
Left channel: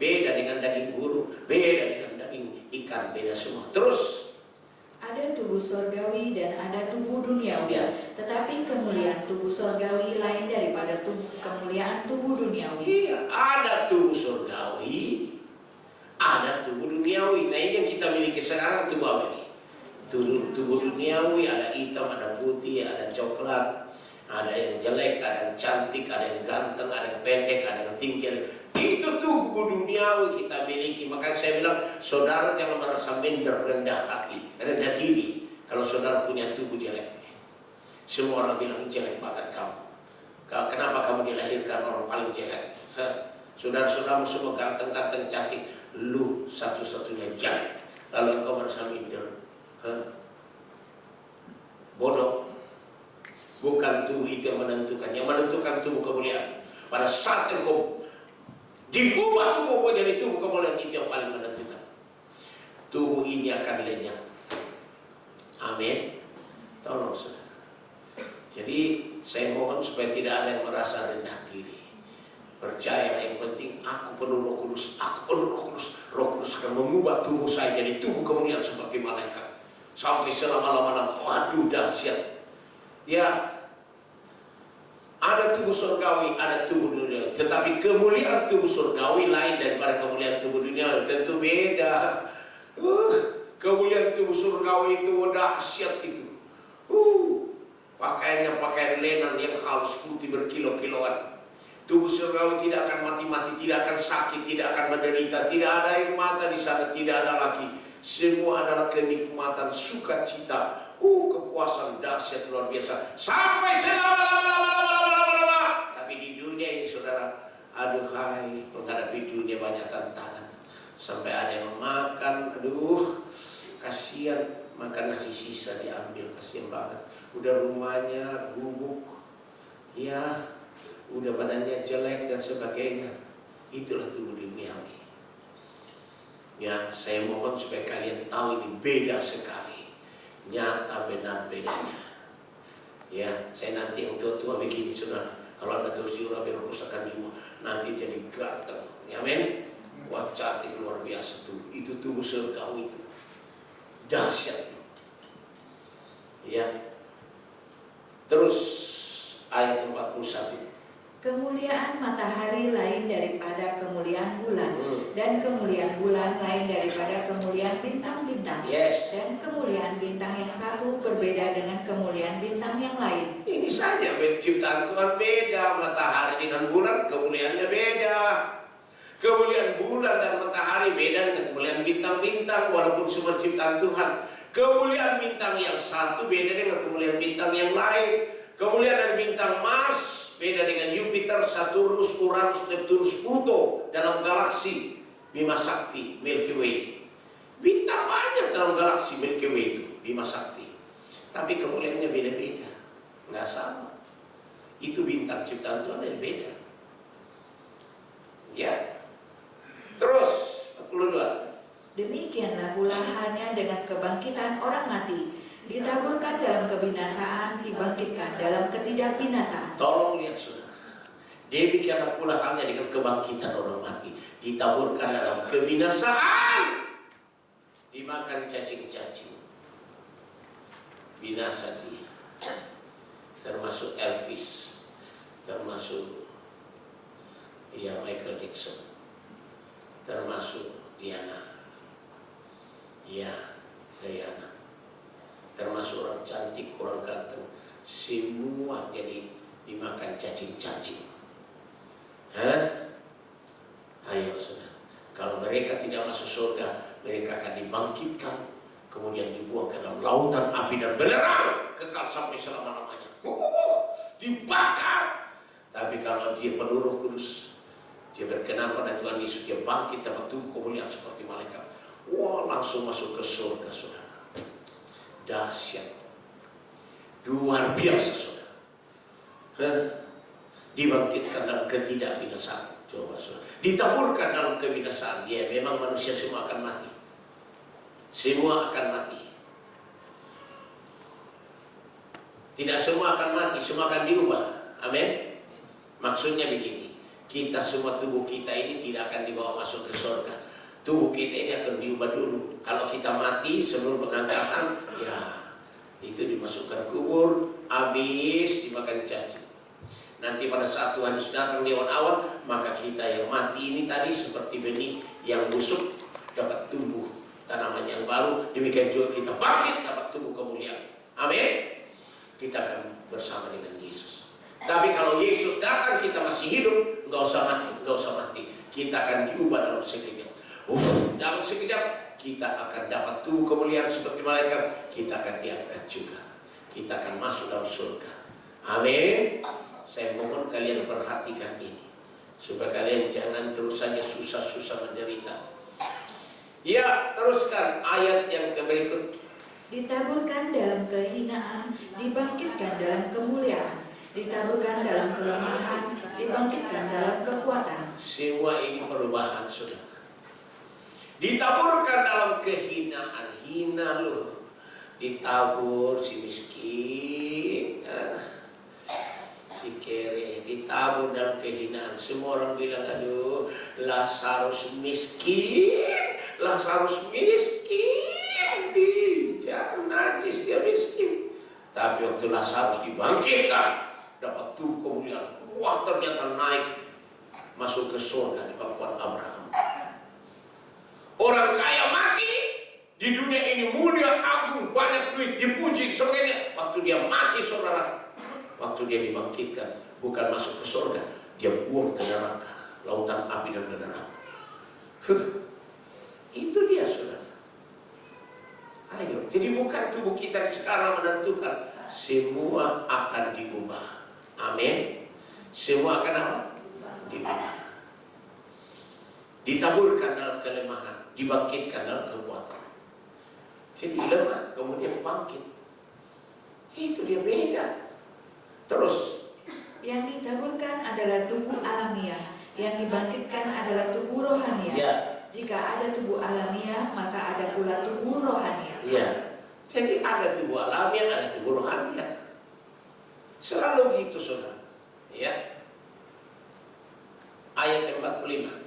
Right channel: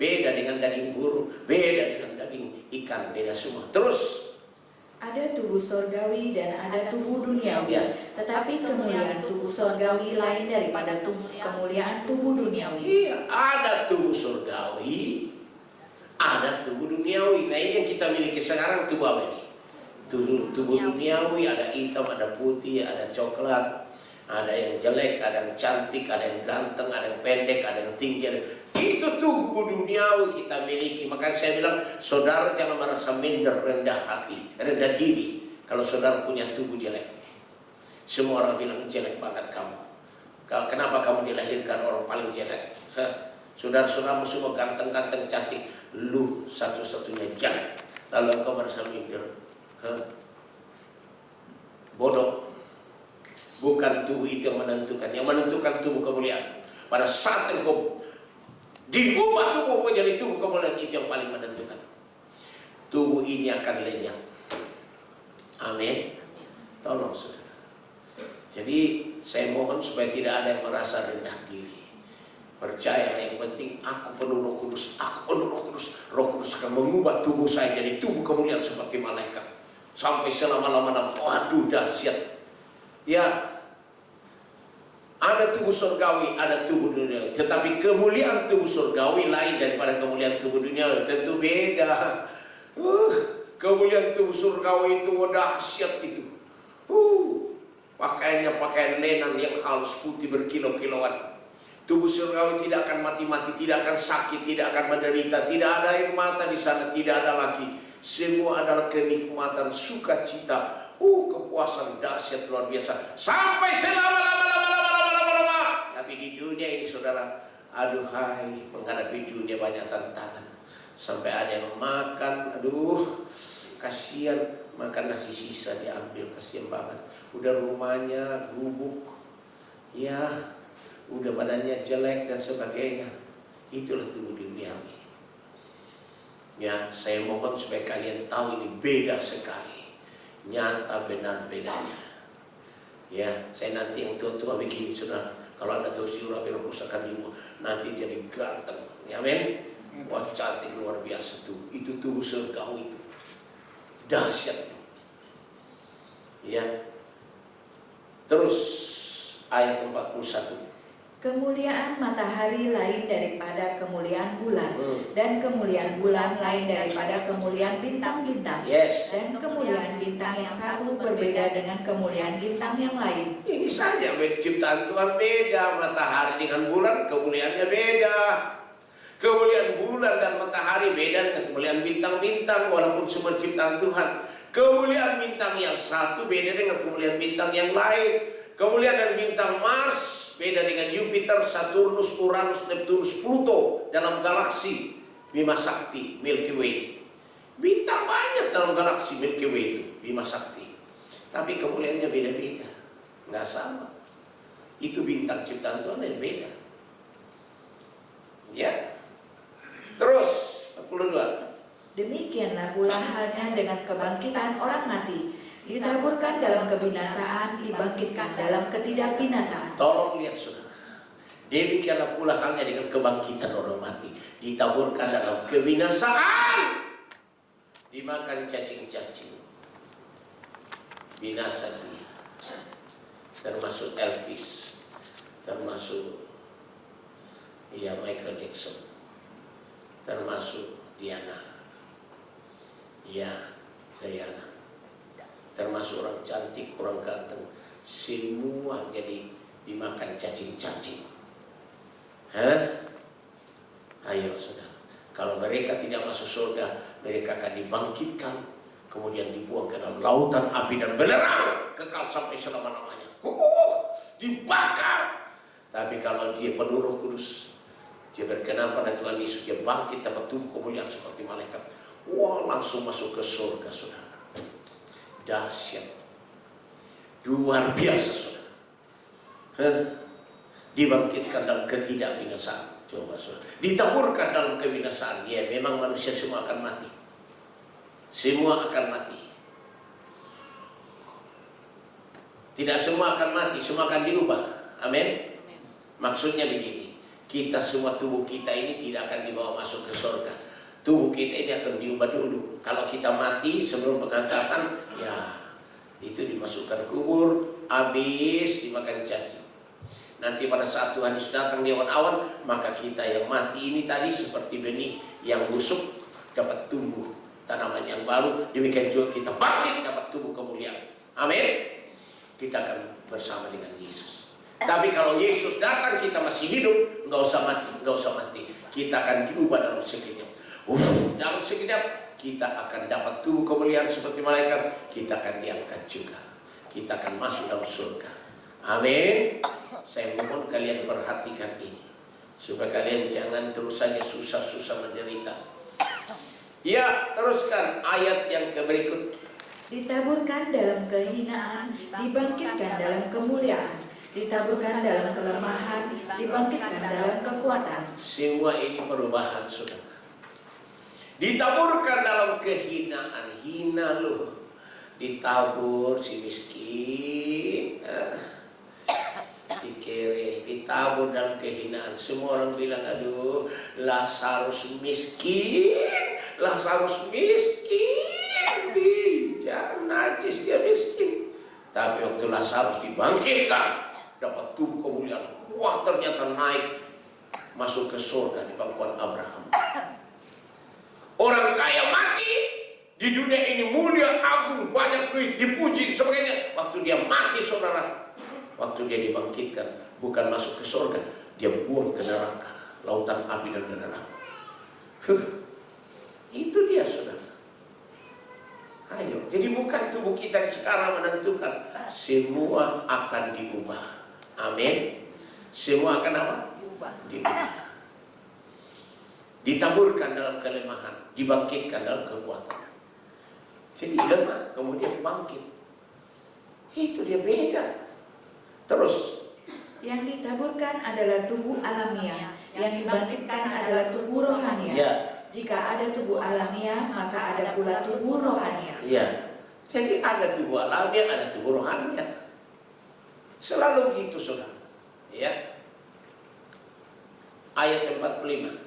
Beda dengan daging burung, beda dengan daging ikan, beda semua. Terus ada tubuh sorgawi dan ada tubuh duniawi. Tetapi kemuliaan tubuh sorgawi lain daripada kemuliaan tubuh duniawi. Iya, ada tubuh sorgawi, ada tubuh duniawi. Nah ini yang kita miliki sekarang tubuh apa ini? Tubuh duniawi, ada hitam, ada putih, ada coklat, ada yang jelek, ada yang cantik, ada yang ganteng, ada yang pendek, ada yang tinggi. Itu tubuh duniawi kita miliki. Makanya saya bilang, saudara jangan merasa minder, rendah hati, rendah diri. Kalau saudara punya tubuh jelek, semua orang bilang jelek banget kamu. Kenapa kamu dilahirkan orang paling jelek? Saudara-saudaramu semua ganteng-ganteng, cantik. Lu satu-satunya jelek. Lalu engkau merasa minder. Bodoh. Bukan tubuh itu yang menentukan. Yang menentukan tubuh kemuliaan. Pada saat engkau diubah tubuh jadi tubuh kemuliaan, itu yang paling menentukan. Tubuh ini akan lenyap. Amin. Tolong saudara. Jadi saya mohon supaya tidak ada yang merasa rendah diri. Percayalah, yang penting aku penuh Roh Kudus. Aku penuh Roh Kudus. Roh Kudus akan mengubah tubuh saya jadi tubuh kemuliaan seperti malaikat. Sampai selama-lamanya. Waduh, dahsyat. Ya. Ada tubuh surgawi, ada tubuh dunia. Tetapi kemuliaan tubuh surgawi lain daripada kemuliaan tubuh dunia. Tentu beda. Kemuliaan tubuh surgawi itu dahsyat itu. Pakaiannya pakaian lenan yang halus putih berkilo-kiloan. Tubuh surgawi tidak akan mati-mati, tidak akan sakit, tidak akan menderita. Tidak ada air mata di sana, tidak ada lagi. Semua adalah kenikmatan, sukacita, kepuasan dahsyat luar biasa. Sampai selama-lama. Tapi di dunia ini saudara, aduhai, menghadapi dunia banyak tantangan. Sampai ada yang makan, aduh, kasihan, makan nasi sisa diambil, kasihan banget. Udah rumahnya gubuk, ya, udah badannya jelek dan sebagainya. Itulah tubuh duniawi. Ya, saya mohon supaya kalian tahu ini beda sekali. Nyata benar bedanya. Ya, saya nanti yang tua-tua begini saudara. Kalau Anda terus diurapi Roh Kudus akan nanti jadi ganteng. Ya, amin. Wah, cantik luar biasa tuh. Itu tubuh surgawi itu. Dahsyat. Ya. Terus ayat 41. Kemuliaan matahari lain daripada kemuliaan bulan, dan kemuliaan bulan lain daripada kemuliaan bintang-bintang. Yes. Dan kemuliaan bintang yang satu berbeda dengan kemuliaan bintang yang lain. Ini saja ciptaan Tuhan beda. Matahari dengan bulan kemuliaannya beda. Kemuliaan bulan dan matahari beda dengan kemuliaan bintang-bintang, walaupun semua ciptaan Tuhan. Kemuliaan bintang yang satu beda dengan kemuliaan bintang yang lain. Kemuliaan dari bintang Mars beda dengan Jupiter, Saturnus, Uranus, Neptunus, Pluto dalam galaksi Bima Sakti Milky Way. Bintang banyak dalam galaksi Milky Way itu, Bima Sakti. Tapi kemuliaannya beda-beda, nggak sama. Itu bintang ciptaan Tuhan yang beda. Ya. Terus 42. Demikianlah pula halnya dengan kebangkitan orang mati. Ditaburkan dalam kebinasaan, dibangkitkan dalam ketidakbinasaan. Tolong lihat saudara. Demikianlah pula halnya dengan kebangkitan orang mati. Ditaburkan dalam kebinasaan, dimakan cacing-cacing. Binasa dia. Termasuk Elvis, termasuk Michael Jackson, termasuk Diana, Diana, termasuk orang cantik, orang ganteng, semua jadi dimakan cacing-cacing. Ayo saudara, kalau mereka tidak masuk surga, mereka akan dibangkitkan, kemudian dibuang ke dalam lautan api dan belerang, kekal sampai selama-lamanya. Dibakar. Tapi kalau dia penuh Roh Kudus, dia berkenan pada Tuhan Yesus, dia bangkit dapat tubuh kemuliaan seperti malaikat. Wah, langsung masuk ke surga saudara. Dahsyat, luar biasa saudara. Dibangkitkan dalam ketidakbinasaan. Coba saudara, ditaburkan dalam kebinasaan. Ya, memang manusia semua akan mati. Semua akan mati. Tidak semua akan mati, semua akan diubah. Amin. Maksudnya begini, kita semua tubuh kita ini tidak akan dibawa masuk ke surga. Tubuh kita ini akan diubah dulu. Kalau kita mati sebelum pengangkatan, ya itu dimasukkan kubur, habis dimakan cacing. Nanti pada saat Tuhan Yesus datang di awan-awan, maka kita yang mati ini tadi seperti benih yang busuk dapat tumbuh tanaman yang baru. Demikian juga kita bangkit dapat tumbuh kemuliaan. Amin. Kita akan bersama dengan Yesus. Tapi kalau Yesus datang kita masih hidup, nggak usah mati. Kita akan diubah dalam sekejap. Dalam sekejap kita akan dapat tubuh kemuliaan seperti malaikat. Kita akan diangkat juga. Kita akan masuk dalam surga. Amin. Saya mohon kalian perhatikan ini, supaya kalian jangan terus saja susah-susah menderita. Ya, teruskan ayat yang berikut. Ditaburkan dalam kehinaan, dibangkitkan dalam kemuliaan. Ditaburkan dalam kelemahan, dibangkitkan dalam kekuatan. Semua ini perubahan saudara. Ditaburkan dalam kehinaan, hina loh. Ditabur si miskin, si kere, ditabur dalam kehinaan. Semua orang bilang, aduh, Lazarus miskin, Lazarus miskin. Jangan najis, dia miskin. Tapi waktu Lazarus dibangkitkan, dapat tubuh kemuliaan. Wah, ternyata naik masuk ke surga di pangkuan Abraham. Orang kaya mati di dunia ini mulia, agung, banyak duit, dipuji sebagainya. Waktu dia mati saudara, waktu dia dibangkitkan, bukan masuk ke surga, dia buang ke neraka, lautan api dan belerang. Itu dia saudara. Ayo, jadi bukan tubuh kita sekarang menentukan, semua akan diubah. Amin. Semua akan apa? Diubah. Ditaburkan dalam kelemahan, dibangkitkan dalam kekuatan. Jadi lemah, kemudian bangkit. Itu dia beda. Terus, yang ditaburkan adalah tubuh alamiah, yang dibangkitkan adalah tubuh rohania. Ya, Jika ada tubuh alamiah, maka ada pula tubuh rohania. Iya. Jadi ada tubuh alamiah, ada tubuh rohania. Selalu gitu, saudara. Ya. Ayat 45.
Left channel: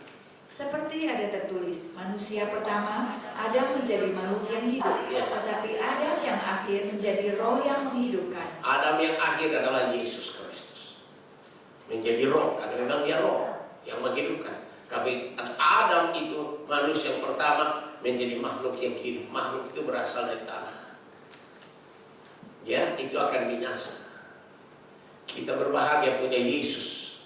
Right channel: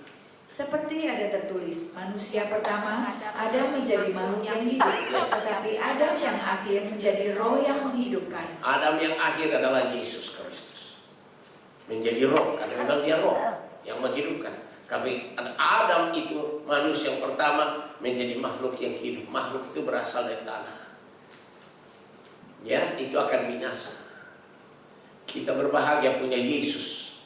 Seperti ada tertulis, manusia pertama Adam menjadi makhluk yang hidup, Yes. tetapi Adam yang akhir menjadi roh yang menghidupkan. Adam yang akhir adalah Yesus Kristus. Menjadi roh, karena memang dia roh yang menghidupkan. Tapi Adam itu manusia yang pertama menjadi makhluk yang hidup. Makhluk itu berasal dari tanah. Ya, itu akan binasa. Kita berbahagia punya Yesus.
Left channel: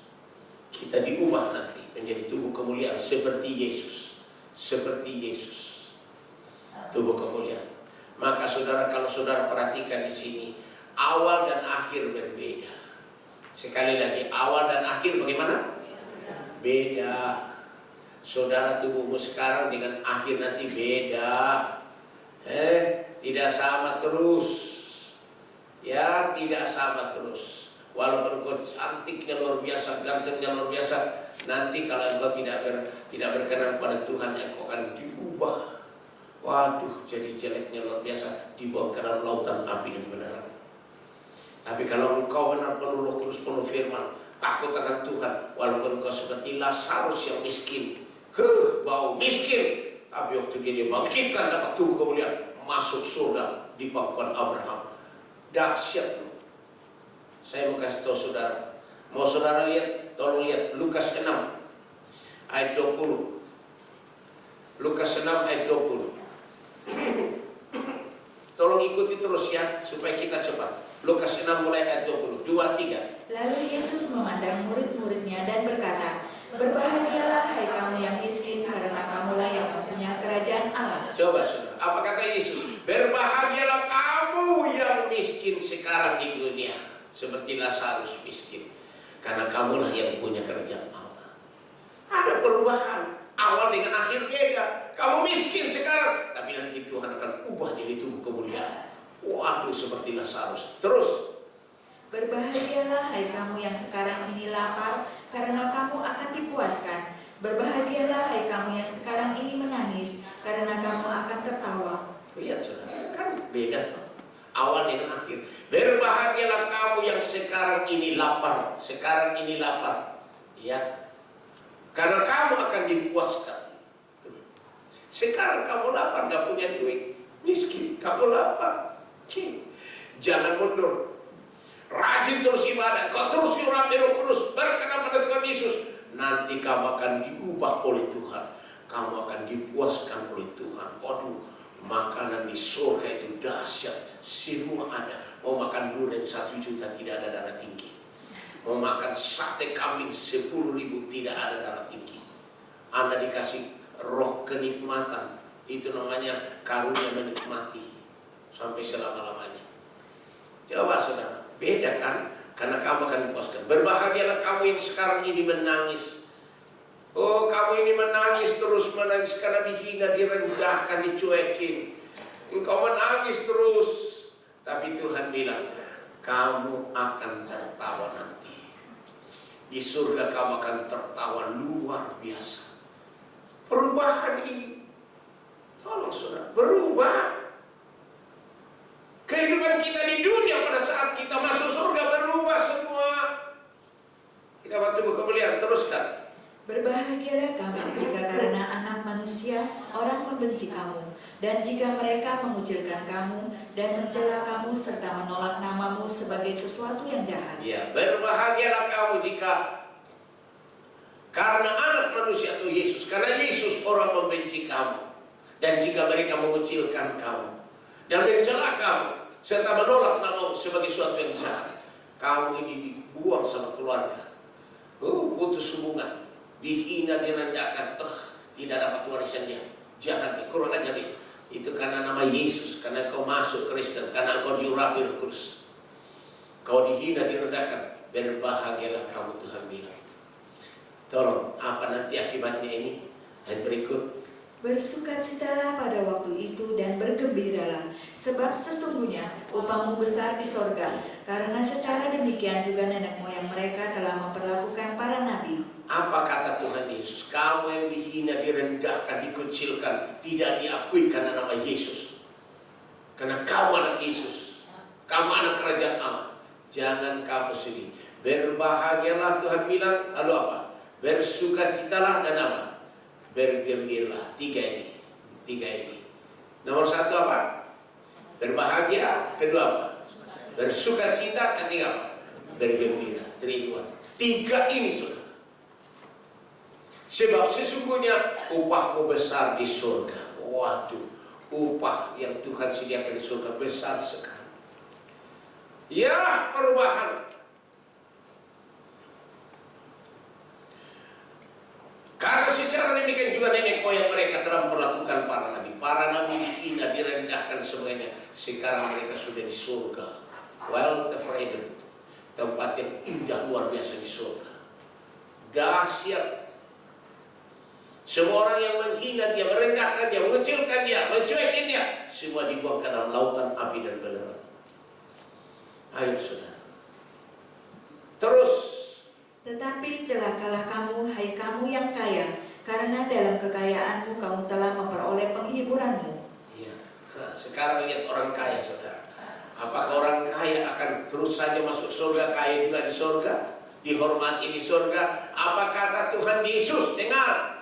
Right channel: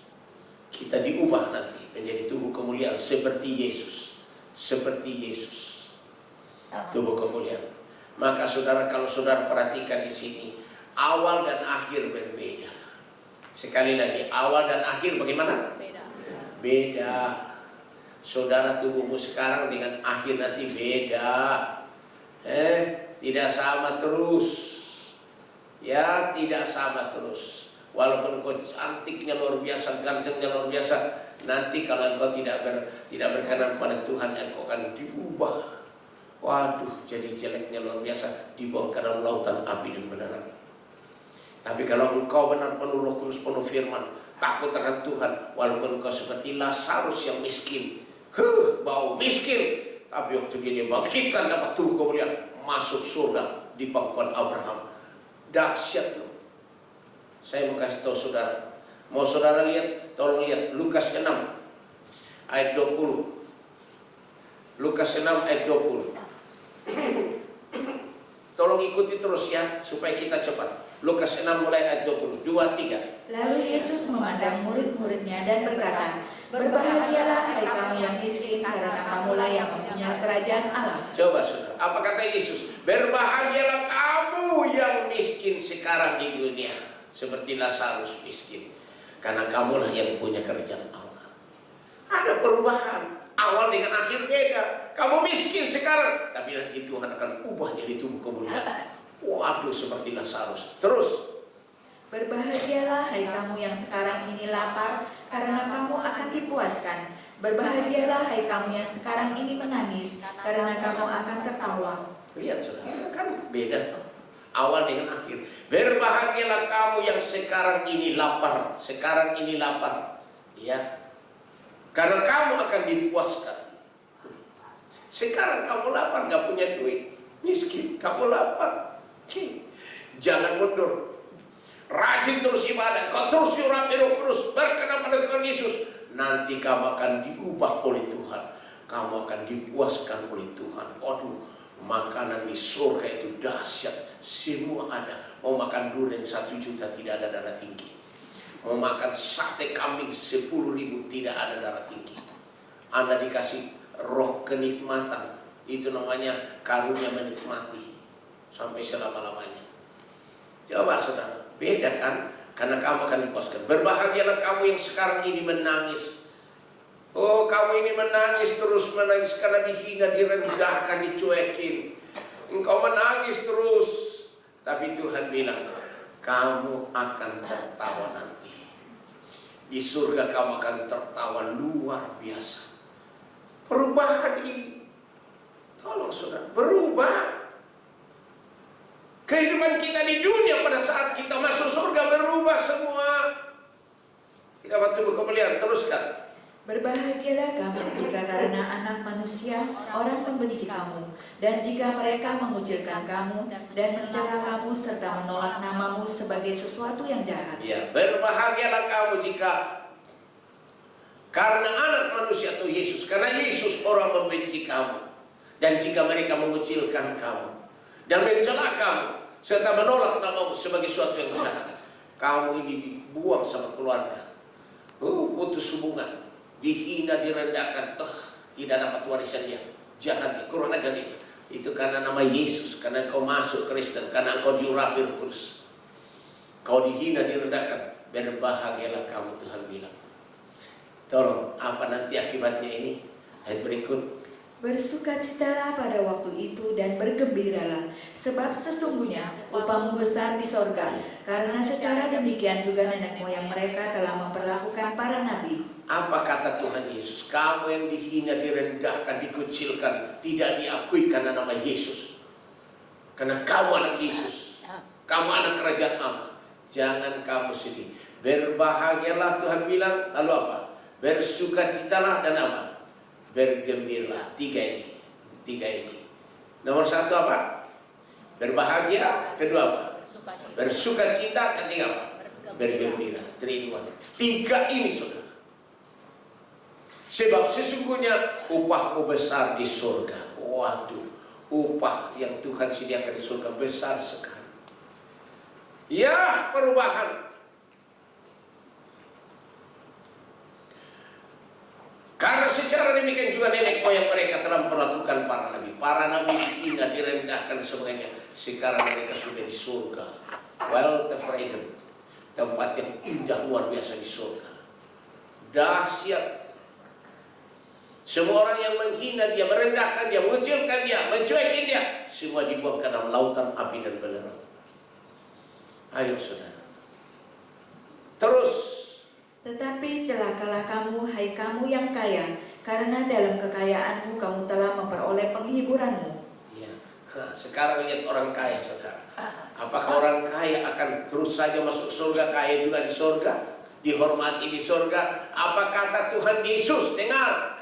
Kita diubah nanti menjadi tubuh kemuliaan seperti Yesus. Seperti Yesus. Tubuh kemuliaan. Maka saudara, kalau saudara perhatikan di sini, awal dan akhir berbeda. Sekali lagi, awal dan akhir bagaimana? Beda. Saudara, tubuhmu sekarang dengan akhir nanti beda. Tidak sama terus. Ya, tidak sama terus. Walaupun kau cantiknya luar biasa, gantengnya luar biasa, nanti kalau engkau tidak berkenan pada Tuhan, engkau akan diubah. Waduh, jadi jeleknya luar biasa, dibawa ke dalam lautan api dan belerang. Tapi kalau engkau benar penuh Roh Kudus, penuh firman, takut akan Tuhan, walaupun engkau seperti Lazarus yang miskin, bau miskin, tapi waktu dia dibangkitkan dapat tubuh kemuliaan, masuk surga di pangkuan Abraham. Dahsyat loh. Saya mau kasih tahu saudara. Mau saudara lihat, tolong lihat Lukas 6 ayat 20. Lukas 6 ayat 20. Tolong ikuti terus ya, supaya kita cepat. Lukas 6 mulai ayat 20. 2, 3. Lalu Yesus memandang murid-muridnya dan berkata, berbahagialah hai kamu yang miskin, karena kamulah yang mempunyai kerajaan Allah. Coba saudara, apa kata Yesus? Berbahagialah kamu yang miskin sekarang di dunia, seperti Lazarus miskin, karena kamulah yang punya kerajaan Allah. Ada perubahan, awal dengan akhir beda. Kamu miskin sekarang, tapi nanti Tuhan akan ubah jadi tubuh kemuliaan. Waduh, seperti Lazarus. Terus, berbahagialah hai kamu yang sekarang ini lapar, karena kamu akan dipuaskan. Berbahagialah hai kamu yang sekarang ini menangis, karena kamu akan tertawa. lihat saudara, kan beda tuh. Awal dengan akhir. Berbahagialah kamu yang sekarang ini lapar. Sekarang ini lapar. Ya. Karena kamu akan dipuaskan. Sekarang kamu lapar, gak punya duit, miskin, kamu lapar. Jangan mundur. Rajin terus ibadah. Kau terus diurapi Roh Kudus, berkenan pada Tuhan Yesus. Nanti kamu akan diubah oleh Tuhan. Kamu akan dipuaskan oleh Tuhan. Waduh, makanan di surga itu dahsyat. Semua ada. Mau makan durian 1 juta tidak ada darah tinggi. Mau makan sate kambing 10.000 tidak ada darah tinggi. Anda dikasih roh kenikmatan. Itu namanya karunia menikmati sampai selama-lamanya. Coba saudara, beda kan? Karena kamu akan dipuaskan. Berbahagialah kamu yang sekarang ini menangis. Oh, kamu ini menangis terus, menangis karena dihina, direndahkan, dicuekin. Engkau menangis terus. Tapi Tuhan bilang, kamu akan tertawa nanti. Di surga kamu akan tertawa luar biasa. Perubahan ini, tolong saudara, berubah. Kehidupan kita di dunia pada saat kita masuk surga berubah semua. Kita waktu kemuliaan, teruskan. Berbahagialah kamu jika karena anak manusia orang membenci kamu, dan jika mereka mengucilkan kamu dan mencela kamu serta menolak namamu sebagai sesuatu yang jahat. Ya, berbahagialah kamu jika karena anak manusia itu Yesus, karena Yesus orang membenci kamu, dan jika mereka mengucilkan kamu dan mencela kamu serta menolak namamu sebagai sesuatu yang jahat, kamu ini dibuang sama keluarga, putus hubungan, dihina, direndahkan, tidak dapat warisannya, jahat, kurang ajar nih. Itu karena nama Yesus, karena kau masuk Kristen, karena kau diurapi Roh Kudus, kau dihina, direndahkan. Berbahagialah kamu, Tuhan bilang. Tolong, apa nanti akibatnya ini? Ayat berikut. Bersukacitalah pada waktu itu dan bergembiralah, sebab sesungguhnya upahmu besar di sorga, karena secara demikian juga nenek moyang mereka telah memperlakukan para nabi. Apa kata Tuhan Yesus? kamu yang dihina, direndahkan, dikucilkan, tidak diakui karena nama Yesus. Karena kamu anak Yesus, kamu anak kerajaan Allah. Jangan kamu sedih. Berbahagialah Tuhan bilang, lalu apa? Bersukacitalah dan apa? Bergembiralah. Tiga ini. Nomor satu apa? Berbahagia. Kedua apa? Bersukacita. Ketiga apa? Bergembira. Terima. Tiga ini saudara. Sebab sesungguhnya upahmu besar di surga. Waduh, upah yang Tuhan sediakan di surga besar sekali. Ya, perubahan. Karena secara demikian juga nenek moyang mereka telah memperlakukan para nabi. Para nabi dihina, direndahkan semuanya. Sekarang mereka sudah di surga. Well, fragrant. Tempat yang indah luar biasa di surga. Dahsyat. Semua orang yang menghina dia, merendahkan dia, mengecilkan dia, mencuekin dia, semua dibuang ke dalam lautan api dan belerang. Ayo saudara. Terus. Tetapi celakalah kamu, hai kamu yang kaya, karena dalam kekayaanmu kamu telah memperoleh penghiburanmu. Iya. Sekarang lihat orang kaya saudara. Apakah orang kaya akan terus saja masuk surga, kaya juga di surga, dihormati di surga? Apa kata Tuhan Yesus? Dengar.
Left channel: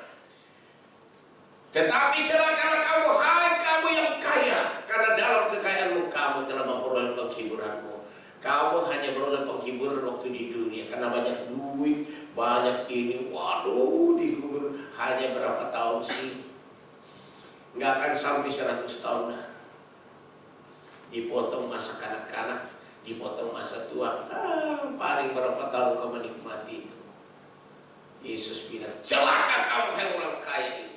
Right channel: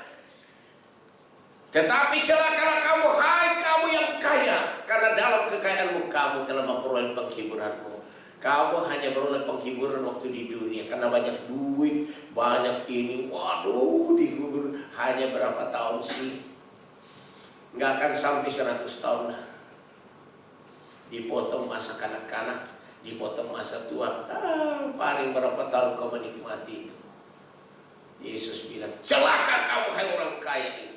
Tetapi celakalah kamu, hai kamu yang kaya, karena dalam kekayaanmu kamu telah memperoleh penghiburanmu. Kamu hanya beroleh penghiburan waktu di dunia karena banyak duit, banyak ini, waduh, dihibur hanya berapa tahun sih? Nggak akan sampai 100 tahun lah. Dipotong masa kanak-kanak, dipotong masa tua, paling berapa tahun kau menikmati itu. Yesus bilang, celaka kamu hai orang kaya ini,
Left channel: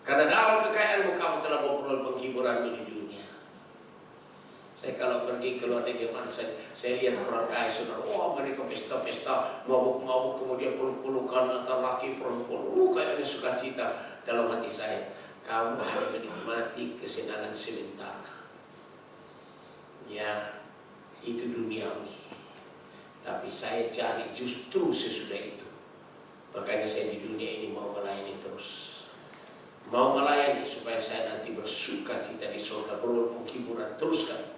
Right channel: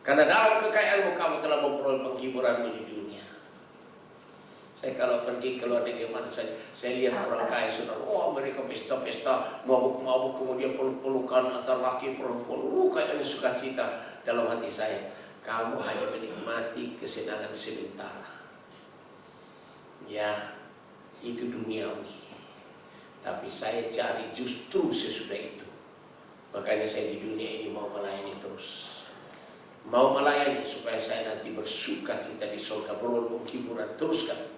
karena dalam kekayaanmu kamu telah memperoleh penghiburanmu di dunia. Saya kalau pergi ke luar negeri mana saya lihat orang kaya saudara, mereka pesta-pesta, mabuk-mabuk, kemudian peluk-pelukan antara laki perempuan, kayaknya sukacita. Dalam hati saya, kamu hanya menikmati kesenangan sementara. Ya, itu duniawi. Tapi saya cari justru sesudah itu. Makanya saya di dunia ini mau melayani terus. Mau melayani supaya saya nanti bersukacita di surga, beroleh penghiburan. Teruskan.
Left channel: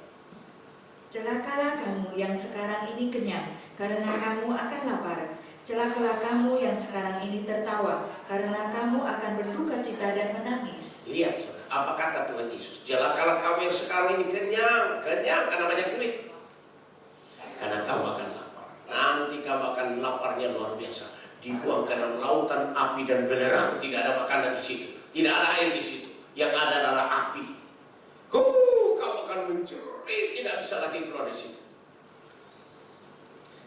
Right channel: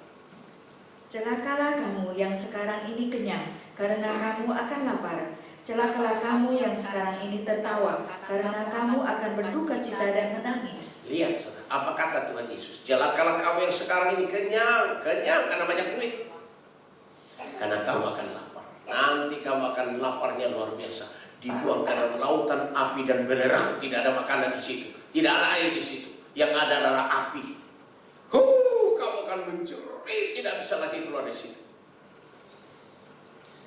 Celakalah kamu yang sekarang ini kenyang, karena kamu akan lapar. Celakalah kamu yang sekarang ini tertawa, karena kamu akan berduka cita dan menangis. Lihat saudara, apa kata Tuhan Yesus? Celakalah kamu yang sekarang ini kenyang karena banyak duit. Karena kamu akan lapar. Nanti kamu akan laparnya luar biasa. Dibuang ke dalam lautan api dan belerang. Tidak ada makanan di situ, tidak ada air di situ. Yang ada adalah api. Kamu akan mencuri, tidak bisa lagi keluar dari situ.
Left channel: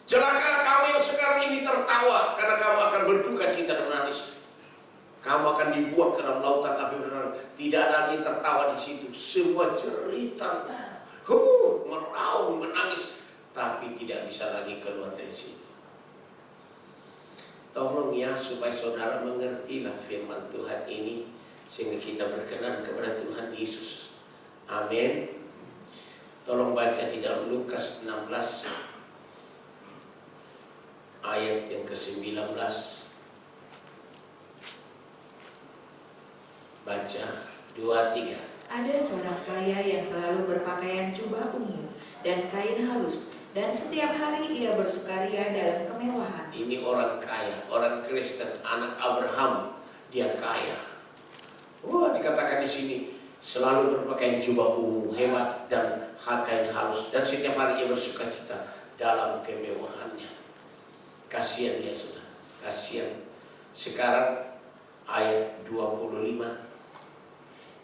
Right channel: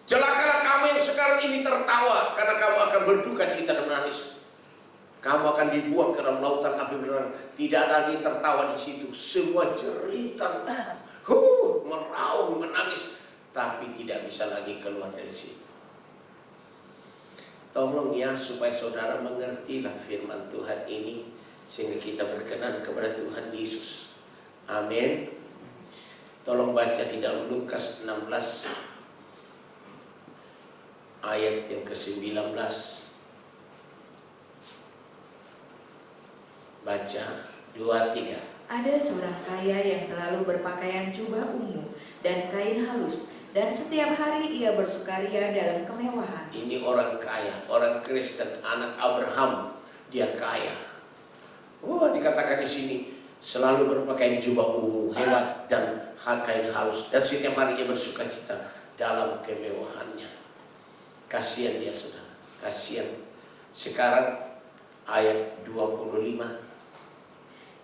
Celakalah kamu yang sekarang ini tertawa, karena kamu akan berduka cita dan menangis. Kamu akan dibuang ke dalam lautan api belerang. Tidak ada lagi tertawa di situ. Semua cerita, meraung, menangis, tapi tidak bisa lagi keluar dari situ. Tolong ya, supaya saudara mengertilah firman Tuhan ini, sehingga kita berkenan kepada Tuhan Yesus. Amin. Tolong baca di dalam Lukas 16 ayat yang ke-19. Baca 2-3. Ada seorang kaya yang selalu berpakaian jubah ungu dan kain halus, dan setiap hari ia bersukaria dalam kemewahan. Ini orang kaya, orang Kristen, anak Abraham, dia kaya. Dikatakan di sini selalu berpakaian jubah ungu, hebat dan kain halus, dan setiap hari ia bersukacita dalam kemewahannya. Kasihan dia saudara, kasihan. Sekarang ayat 25.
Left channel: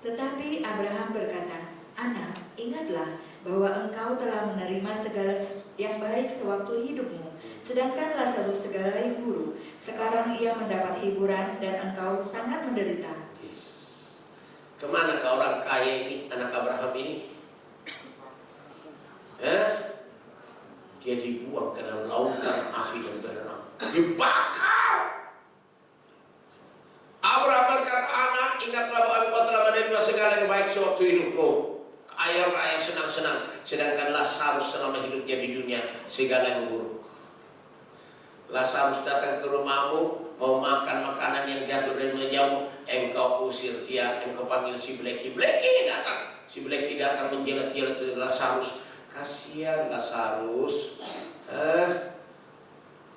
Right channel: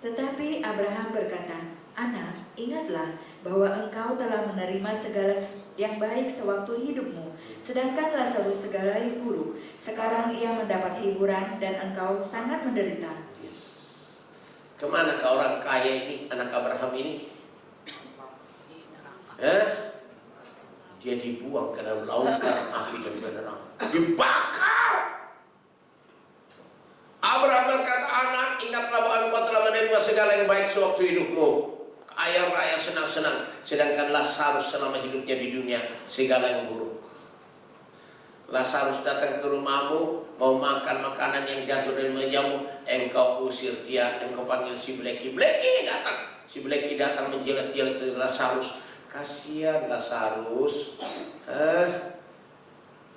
Tetapi Abraham berkata, "Anak, ingatlah bahwa engkau telah menerima segala yang baik sewaktu hidupmu, sedangkan Lazarus segala yang buruk. Sekarang ia mendapat hiburan dan engkau sangat menderita." Yes. Kemana ke orang kaya ini, anak Abraham ini? Dia dibuang ke dalam lautan api dan belerang, dibakar. Abraham berkata, "Anak, ingatlah bahwa engkau telah menerima segala yang baik sewaktu hidupmu. Ayah raya senang-senang, sedangkan Lazarus selama hidupnya di dunia segala yang buruk." Lazarus datang ke rumahmu, mau makan makanan yang jatuh dari mejamu, engkau usir dia, engkau panggil si Bleki. Bleki datang, si Bleki datang menjilat-jilat Lazarus. Kasihan Lazarus.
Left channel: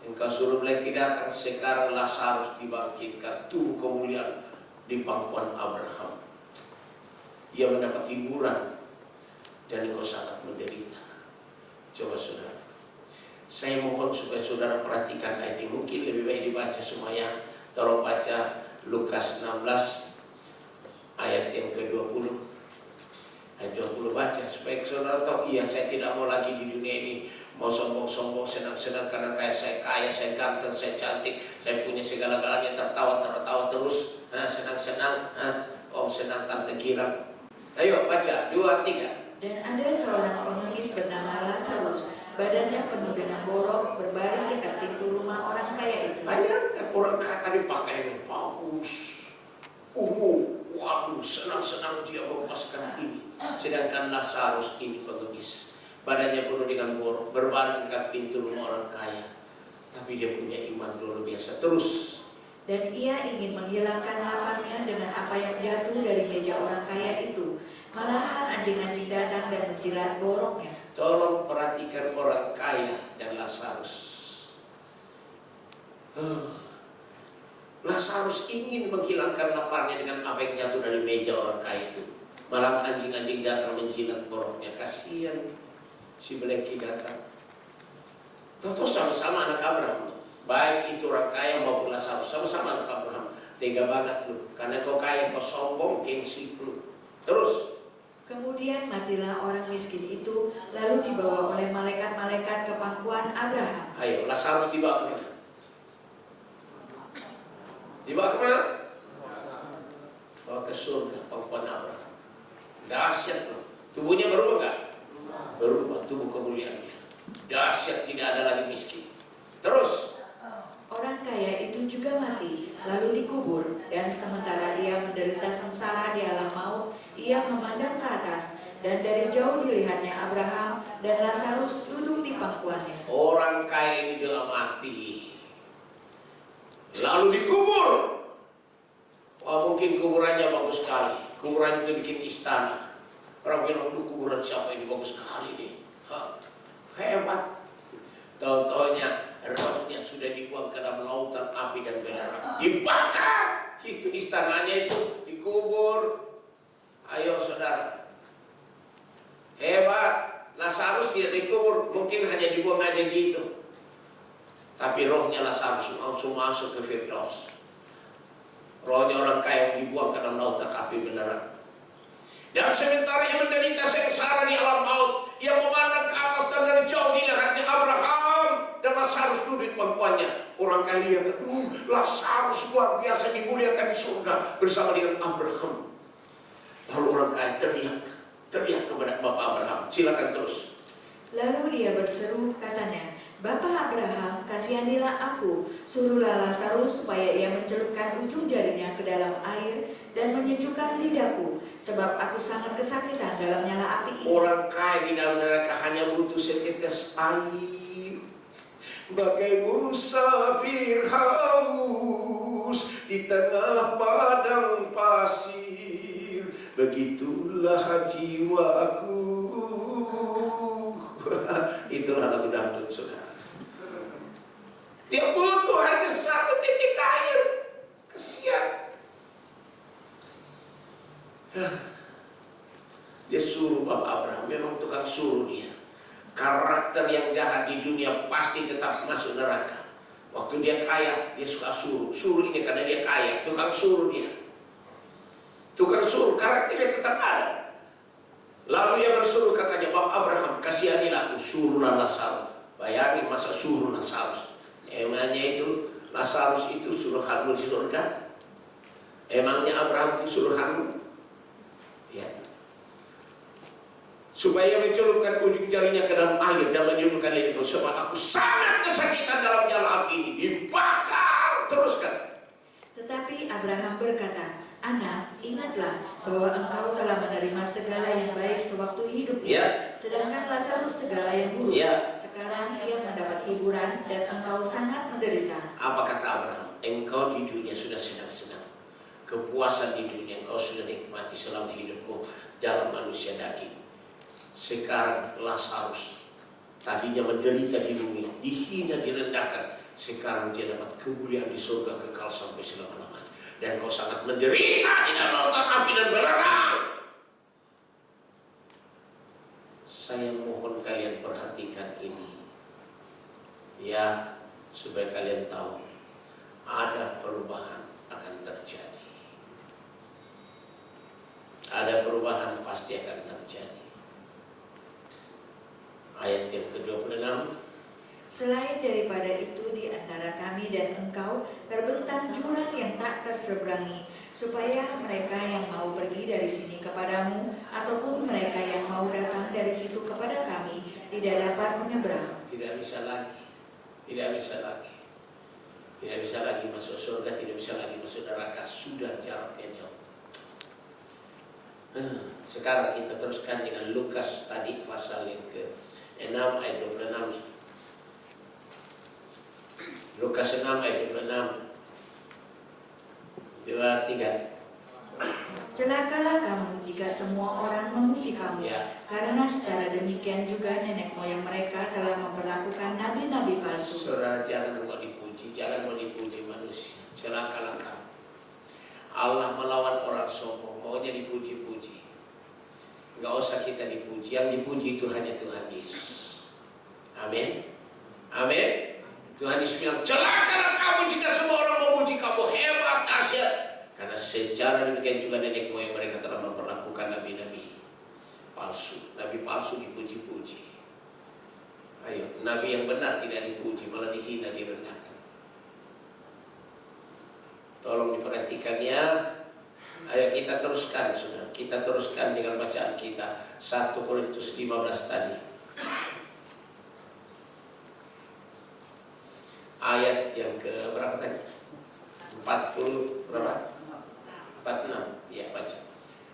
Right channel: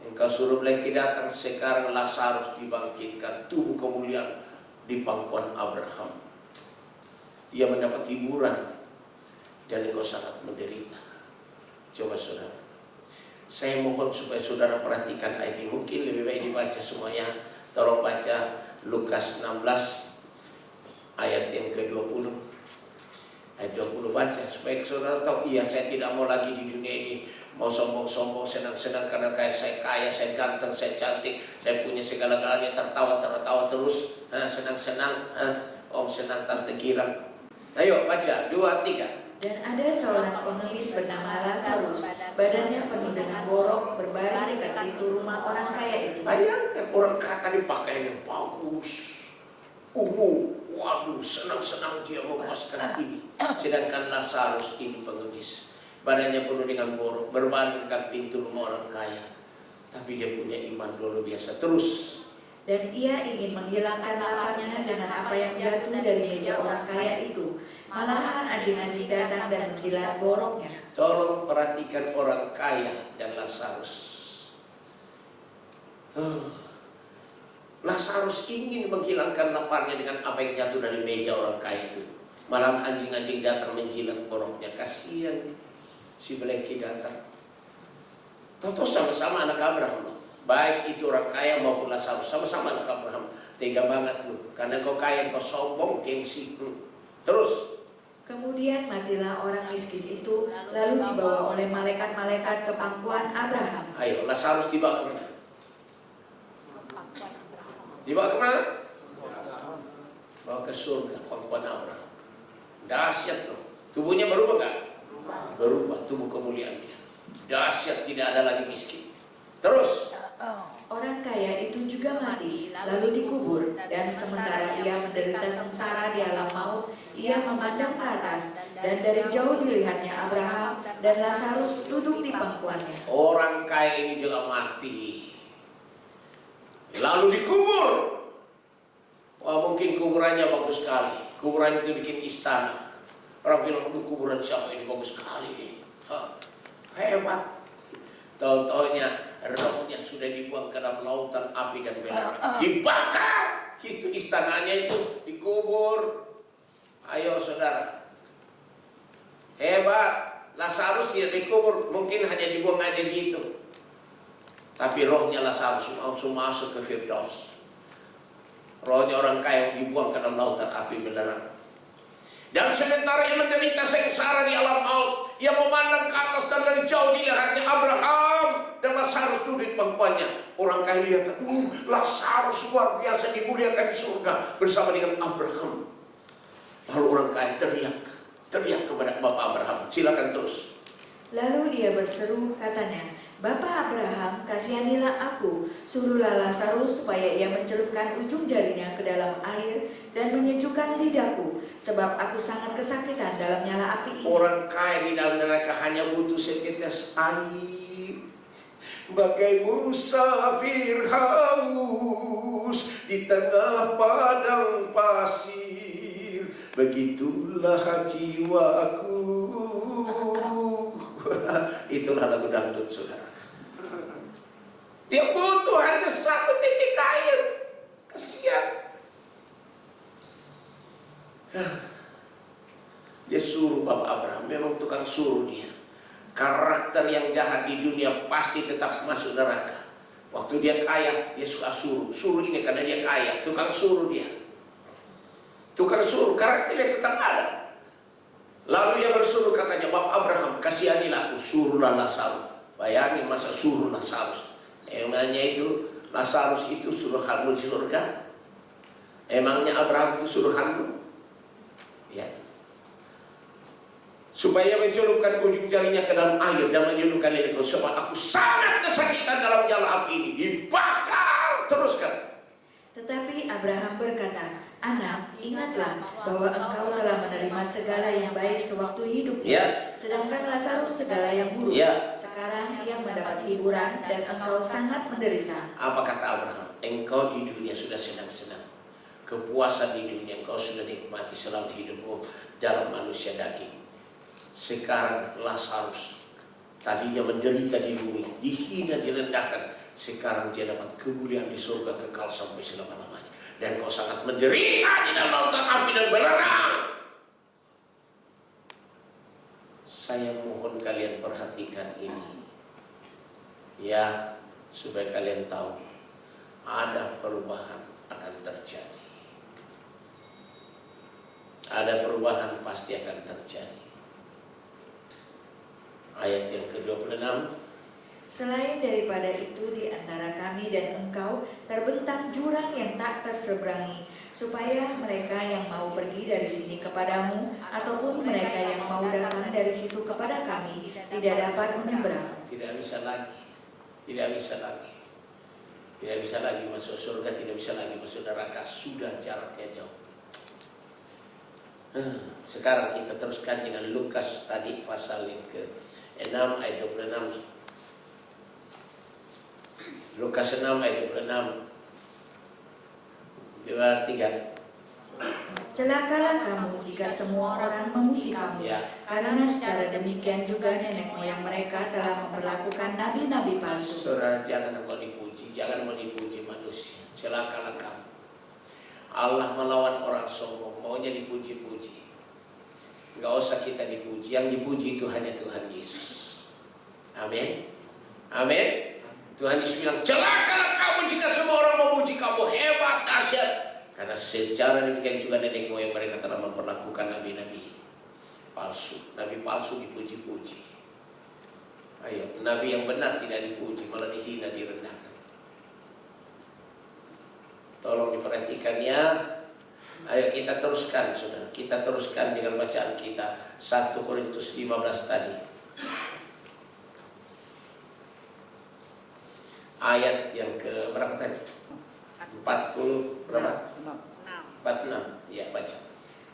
Engkau suruh Bleki datang, sekarang Lazarus dibangkitkan, tubuh kemuliaan di pangkuan Abraham. Ia mendapat hiburan dan engkau sangat menderita. Coba saudara, saya mohon supaya saudara perhatikan ayat ini. Mungkin lebih baik dibaca semuanya. Tolong baca Lukas 16 ayat yang ke-20. Ayat 20 baca supaya saudara tahu, iya saya tidak mau lagi di dunia ini mau sombong-sombong, senang-senang karena kayak saya kaya, saya ganteng, saya cantik, saya punya segala-galanya, tertawa terus, senang-senang, om senang tante girang. Ayo baca 2, 3. Dan ada seorang pengemis bernama Lazarus, badannya penuh dengan borok, berbaring dekat pintu rumah orang kaya itu. Bayangkan orang kaya tadi pakaiannya bagus, ungu, waduh senang-senang dia memaskan ini. Sedangkan Lazarus ini pengemis, badannya penuh dengan borok, berbaring dekat pintu rumah orang kaya. Tapi dia punya iman luar biasa. Terus. Dan ia ingin menghilangkan laparnya dengan apa yang jatuh dari meja orang kaya itu. Malahan anjing-anjing datang dan menjilat boroknya. Tolong perhatikan orang kaya dan Lazarus. Lazarus ingin menghilangkan laparnya dengan apa yang jatuh dari meja orang kaya itu. Malam anjing-anjing datang menjilat boroknya. Kasihan si Bleki datang. Tahu-tahu sama-sama anak Abraham. Baik itu orang kaya maupun Lazarus, sama-sama anak Abraham. Tega banget lu, karena kau kaya, kau sombong, gengsi. Terus. Kemudian matilah orang miskin itu, lalu dibawa oleh malaikat-malaikat ke pangkuan Abraham. Ayo, Lazarus dibawa ke mana? Dibawa ke mana? Bawa ke surga, pangkuan Abraham. Dahsyat loh. Tubuhnya berubah gak? Berubah, tubuh kemuliaannya. Dahsyat, tidak ada lagi miskin. Terus. Orang kaya itu juga mati, lalu dikubur, dan sementara dia menderita sengsara di alam maut, ia memandang ke atas, dan dari jauh dilihatnya Abraham dan Lazarus duduk di pangkuannya. Orang kaya ini juga mati, lalu dikubur. Wah, mungkin kuburannya bagus sekali. Kuburan itu bikin istana. Orang bilang, kuburan siapa ini bagus sekali nih. Hebat. Tahu-taunya rohnya sudah dibuang ke dalam lautan api dan belerang, dibakar. Itu istananya itu dikubur. Ayo saudara, hebat. Lazarus tidak dikubur, mungkin hanya dibuang aja gitu. Tapi rohnya Lazarus langsung masuk ke Firdaus. Rohnya orang kaya dibuang ke dalam lautan api belerang. Dan sementara ia menderita sengsara di alam maut, ia memandang ke atas dan dari jauh dilihatnya Abraham dan Lazarus duduk di pangkuannya. Orang kaya lihat, Lazarus luar biasa dimuliakan di surga bersama dengan Abraham. Lalu orang kaya teriak kepada Bapak Abraham. Silakan terus. Lalu ia berseru, katanya, Bapak Abraham, kasihanilah aku, suruhlah Lazarus supaya ia mencelupkan ujung jarinya ke dalam air dan menyejukkan lidahku, sebab aku sangat kesakitan dalam nyala api ini. Orang kaya di dalam neraka hanya butuh setetes air. Bagai musafir haus di tengah padang pasir, begitulah jiwaku. Itulah lagu dangdut, saudara. Dia butuh hanya satu titik air. Kasihan. Dia suruh Bapak Abraham, memang tukang suruh dia. Karakter yang jahat di dunia pasti tetap masuk neraka. Waktu dia kaya, dia suka suruh ini karena dia kaya, tukang suruh dia. Tukang suruh, karakternya tetap ada. Lalu ia bersuruh, katanya, Bapak Abraham, kasihanilah aku, suruhlah Lazarus. Bayangin masa suruh Lazarus. Emangnya itu Lazarus itu suruhanmu di surga? Emangnya Abraham itu suruhanmu? Ya. Supaya mencelupkan ujung jarinya ke dalam air dan menyebutkan lidahku, sebab aku sangat kesakitan dalam nyala api ini. Dibakar. Teruskan. Tetapi Abraham berkata, Anak, ingatlah bahwa engkau telah menerima segala yang baik sewaktu hidupnya, sedangkan Lazarus segala yang buruk. sekarang ia mendapat hiburan dan engkau sangat menderita. Apa kata Abraham? Engkau di dunia sudah senang-senang. Kepuasan di dunia engkau sudah nikmati selama hidupmu dalam manusia daging. Sekarang Lazarus tadinya menderita di bumi, dihina, direndahkan. Sekarang dia dapat kemuliaan di surga kekal sampai selama-lamanya. Dan kau sangat menderita di dalam lautan api dan belerang. Saya mohon kalian perhatikan ini. Ya, supaya kalian tahu ada perubahan akan terjadi. Ada perubahan pasti akan terjadi. Ayat yang ke-26. Selain daripada itu di antara kami dan engkau terbentang jurang yang tak terseberangi, supaya mereka yang mau pergi dari sini kepadamu ataupun mereka yang mau datang dari situ kepada kami tidak dapat menyeberang. Tidak bisa lagi, tidak bisa lagi, tidak bisa lagi masuk surga, tidak bisa lagi masuk neraka, sudah jaraknya jauh. Sekarang kita teruskan dengan Lukas tadi pasal yang ke-6 ayat 26. Lukas 6 ayat 26. 2-3. Celakalah kamu jika semua orang memuji kamu, Ya. karena secara demikian juga nenek moyang mereka telah memperlakukan nabi-nabi palsu. Saudara, jangan mau dipuji, jangan mau dipuji manusia. Celakalah kamu. Allah melawan orang sombong, maunya dipuji-puji. Gak usah kita dipuji, yang dipuji itu hanya Tuhan Yesus. Amin. Amin. Tuhan Yesus bilang, celakalah kamu jika semua orang memuji kamu, hebat, dahsyat. Karena secara demikian juga nenek moyang mereka telah memperlakukan nabi-nabi palsu. Nabi palsu dipuji-puji. Ayo, nabi yang benar tidak dipuji, malah dihina, direndahkan. Tolong diperhatikan ya. Ayo kita teruskan, saudara. Kita teruskan dengan bacaan kita 1 Korintus 15 tadi. Ayat yang ke berapa tadi? 40 berapa? 46. Ya, baca.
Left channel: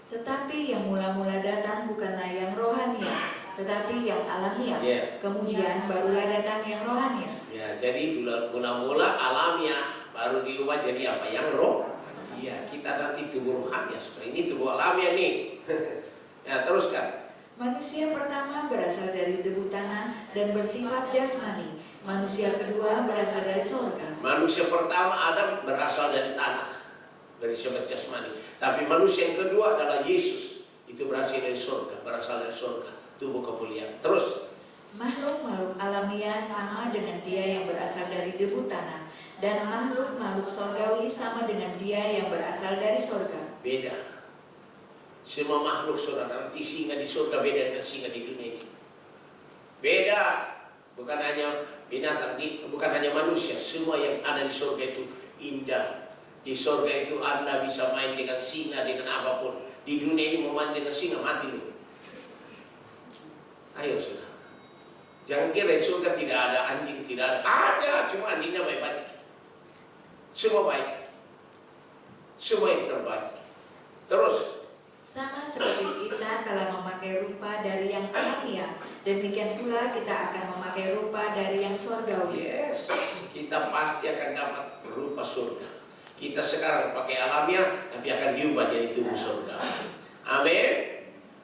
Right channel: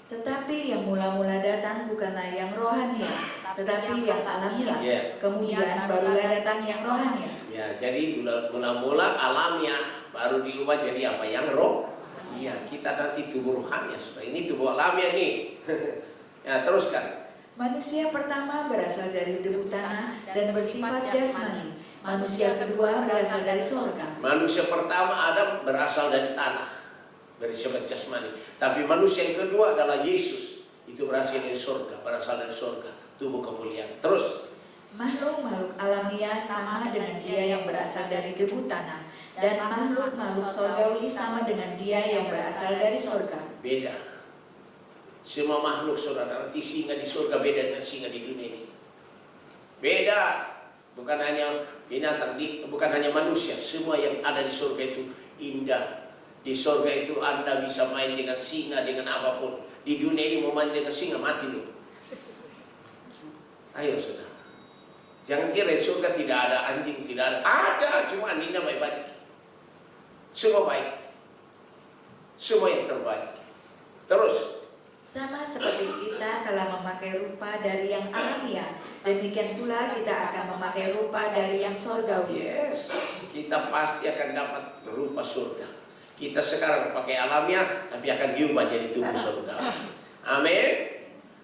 Tetapi yang mula-mula datang bukanlah yang rohania, tetapi yang alamiah. Ya. Kemudian barulah datang yang rohania. Ya, jadi mula-mula alamiah, baru diubah jadi apa? Yang roh. Iya, kita nanti tubuh rohania. Seperti ini tubuh alamiah nih. Ya, teruskan. Manusia pertama berasal dari debu tanah dan bersifat jasmani. Manusia kedua berasal dari surga. Manusia pertama Adam berasal dari tanah, dari sifat jasmani. Tapi manusia yang kedua adalah Yesus. Itu berasal dari surga, berasal dari surga, tubuh kemuliaan. Terus, Makhluk-makhluk alamiah sama dengan dia yang berasal dari debu tanah, dan makhluk-makhluk surgawi sama dengan dia yang berasal dari surga. beda. Semua makhluk saudara, nanti singa di surga beda dengan singa di dunia ini. Beda. Bukan hanya binatang, bukan hanya manusia. Semua yang ada di surga itu indah. Di surga itu Anda bisa main dengan singa, dengan apapun. Di dunia ini mau main dengan singa, mati lu. Ayo saudara. Jangan kira di surga tidak ada anjing, tidak ada. Ada, cuma anjingnya baik-baik. Semua baik. Semua yang terbaik. Terus. Sama seperti kita telah memakai rupa dari yang alamiah, demikian pula kita akan memakai rupa dari yang surgawi. Yes, kita pasti akan dapat rupa surga. Kita sekarang pakai alamiah, tapi akan diubah jadi tubuh surga. Amin.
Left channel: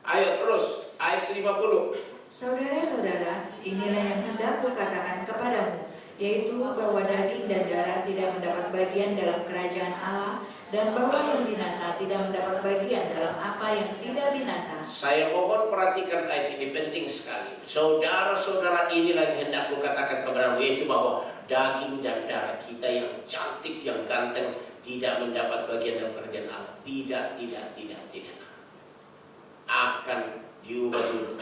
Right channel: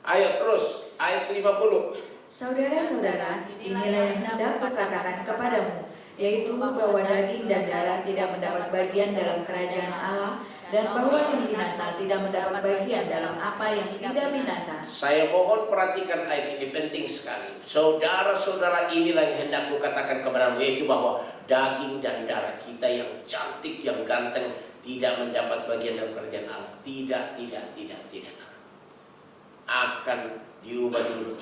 Ayo terus, ayat 50. Saudara-saudara, inilah yang hendak kukatakan kepadamu, yaitu bahwa daging dan darah tidak mendapat bagian dalam kerajaan Allah, dan bahwa yang binasa tidak mendapat bagian dalam apa yang tidak binasa. Saya mohon perhatikan ayat ini, penting sekali. Saudara-saudara, inilah yang hendak kukatakan kepadamu, yaitu bahwa daging dan darah kita yang cantik, yang ganteng tidak mendapat bagian dalam kerajaan Allah. Tidak. Akan diubah dulu.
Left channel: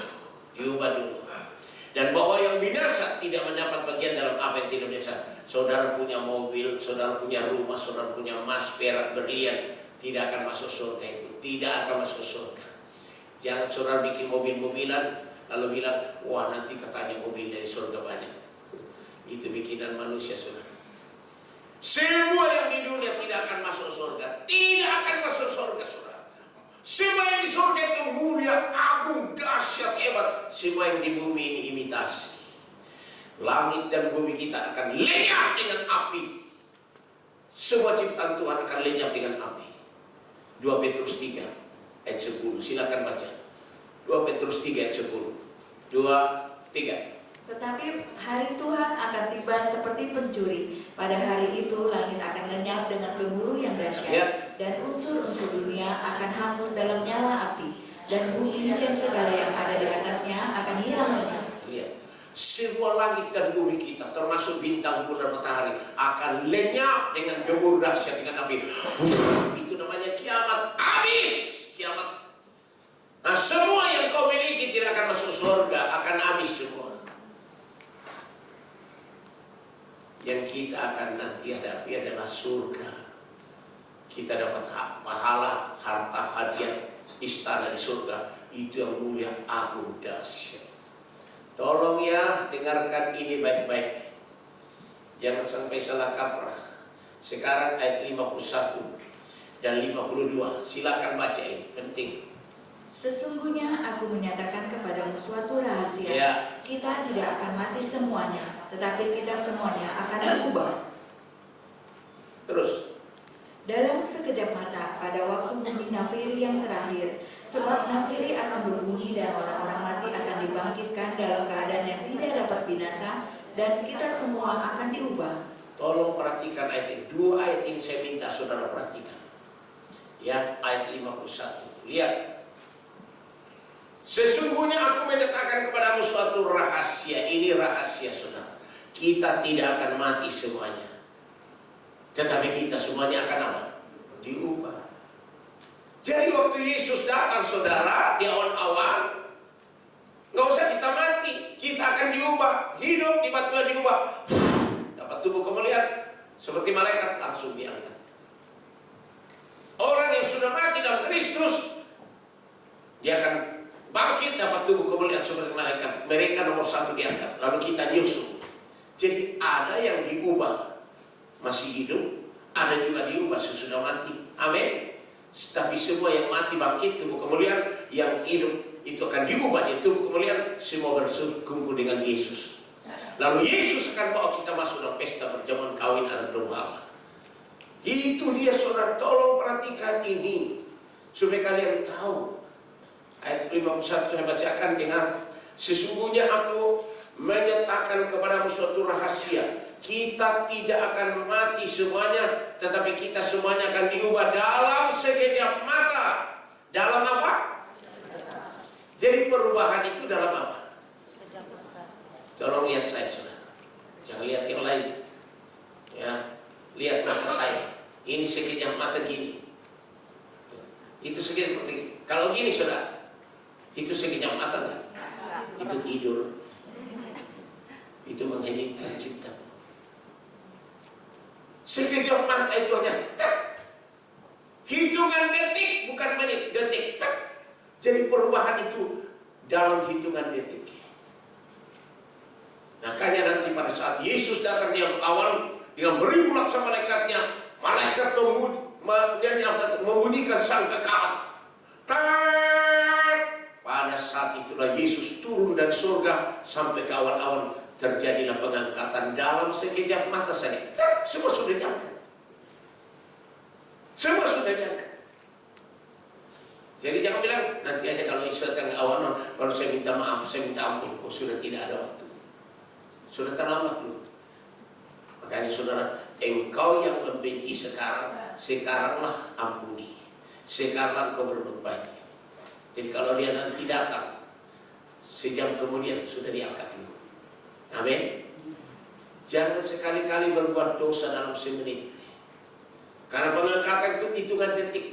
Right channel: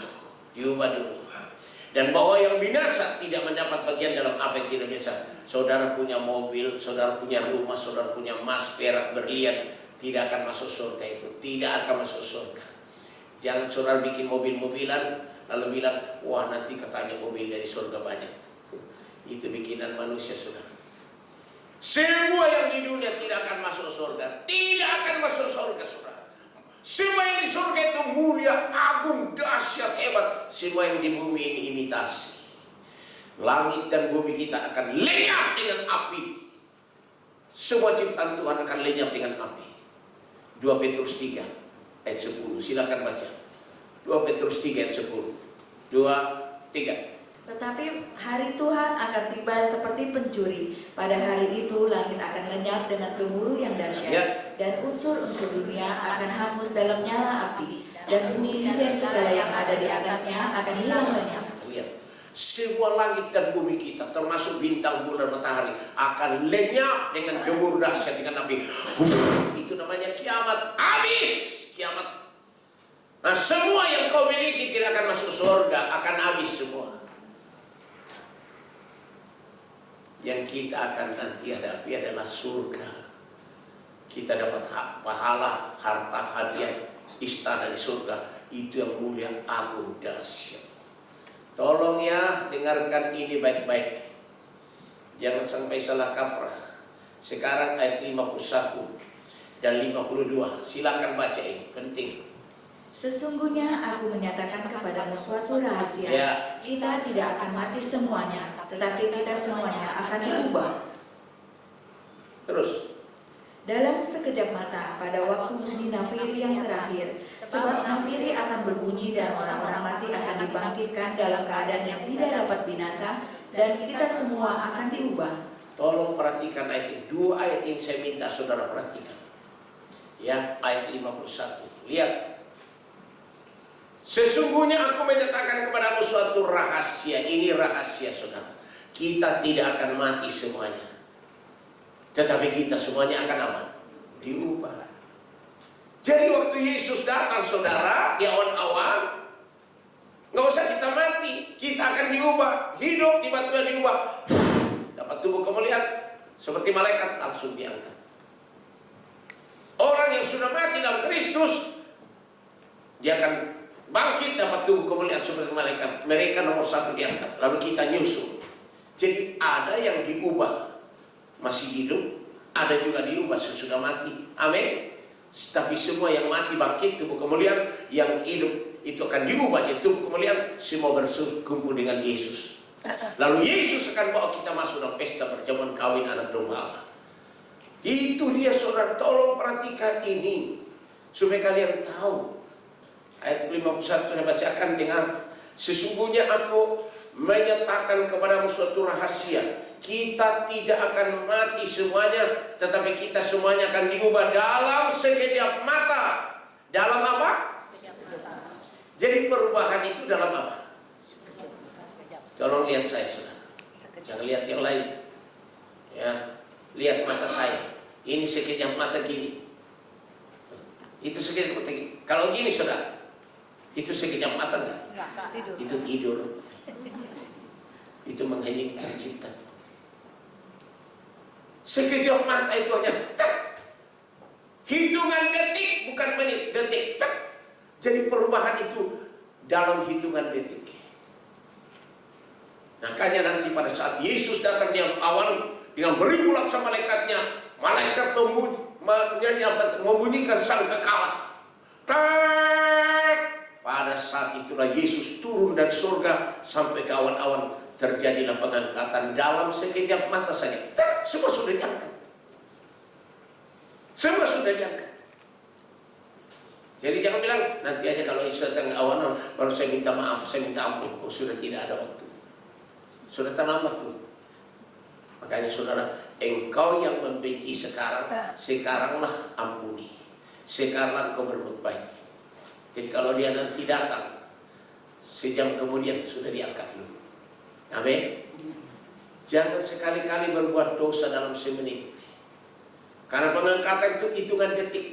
Dan bahwa yang binasa tidak mendapat bagian dalam apa yang tidak binasa. Saudara punya mobil, saudara punya rumah, saudara punya emas, perak, berlian, tidak akan masuk surga itu. Tidak akan masuk surga. Jangan saudara bikin mobil-mobilan lalu bilang, wah nanti katanya mobil dari surga banyak. Itu bikinan manusia saudara. Semua yang di dunia tidak akan masuk surga. Tidak akan masuk surga saudara. Semua yang di surga itu mulia, agung, dahsyat, hebat. Semua yang di bumi ini imitasi. Langit dan bumi kita akan lenyap dengan api. Semua ciptaan Tuhan akan lenyap dengan api. 2 Petrus 3 ayat 10. Silakan baca. 2 Petrus 3 ayat 10. 2, 3. Tetapi hari Tuhan akan tiba seperti pencuri. Pada hari itu langit akan lenyap dengan gemuruh yang dahsyat, dan unsur-unsur dunia akan hangus dalam nyala api, dan bumi dan segala yang ada di atasnya akan hilang lenyap. Lihat, semua langit dan bumi kita, termasuk bintang, bulan, matahari, akan lenyap dengan gemuruh dahsyat dengan api. Itu namanya kiamat. Habis kiamat. Nah, semua yang kau miliki tidak akan masuk surga, akan habis semua. Yang kita akan nanti hadapi adalah surga. Kita dapat pahala, harta, hadiah, istana di surga. Itu yang mulia, agung, dahsyat. Tolong ya, dengarkan ini baik-baik. Jangan sampai salah kaprah. Sekarang ayat 51 dan 52. Silakan baca ini, penting. Sesungguhnya aku menyatakan kepadamu suatu rahasia. Ya. Kita tidak akan mati semuanya, tetapi kita semuanya akan berubah. Terus. Dalam sekejap mata, pada waktu bunyi nafiri yang terakhir. Sebab nafiri akan berbunyi dan orang-orang mati akan dibangkitkan dalam keadaan yang tidak dapat binasa, dan kita semua akan diubah. Tolong perhatikan ayat ini. 2 ayat ini saya minta saudara perhatikan. Ya, ayat 51. Lihat. Sesungguhnya aku menyatakan kepadamu suatu rahasia. Ini rahasia saudara. Kita tidak akan mati semuanya, tetapi kita semuanya akan apa? Diubah. Jadi waktu Yesus datang saudara, di awan-awan, nggak usah kita mati, kita akan diubah. Hidup tiba-tiba diubah. Dapat tubuh kemuliaan seperti malaikat, langsung diangkat. Orang yang sudah mati dalam Kristus, dia akan bangkit, dapat tubuh kemuliaan seperti malaikat. Mereka nomor 1 diangkat, lalu kita nyusul. Jadi ada yang diubah masih hidup, ada juga diubah sesudah mati. Amin. Tapi semua yang mati bangkit tubuh kemuliaan, yang hidup itu akan diubah jadi tubuh kemuliaan. Semua berkumpul dengan Yesus. Lalu Yesus akan bawa kita masuk dalam pesta perjamuan kawin anak domba Allah. Itu dia saudara, tolong perhatikan ini supaya kalian tahu. Ayat 51 saya bacakan, dengar. Sesungguhnya aku menyatakan kepadamu suatu rahasia. Kita tidak akan mati semuanya, tetapi kita semuanya akan diubah dalam sekejap mata. Dalam apa? Jadi perubahan itu dalam apa? Tolong lihat saya saudara. Jangan lihat yang lain. Ya, lihat mata saya. Ini sekejap mata gini. Itu sekejap mata gini. Kalau gini saudara, itu sekejap mata enggak? Itu tidur. Itu mengheningkan cipta. Sekejap mata itu hanya tak. Hitungan detik, bukan menit, detik. Tak. Jadi perubahan itu dalam hitungan detik. Makanya nanti pada saat Yesus datang di awal dengan beribu laksa malaikatnya, malaikat membunyikan sangkakala. Pada saat itulah Yesus turun dari surga sampai ke awan-awan, terjadilah pengangkatan dalam sekejap mata saja. Semua sudah diangkat. Semua sudah diangkat. Jadi jangan bilang nanti aja kalau Yesus datang awan baru saya minta maaf, saya minta ampun. Oh, sudah tidak ada waktu. Sudah terlambat dulu. Makanya saudara, engkau yang membenci sekarang, sekaranglah ampuni. Sekaranglah engkau berbuat baik. Jadi kalau dia nanti datang, sejam kemudian sudah diangkat dulu. Amin. Jangan sekali-kali berbuat dosa dalam semenit. Karena pengangkatan itu hitungan detik.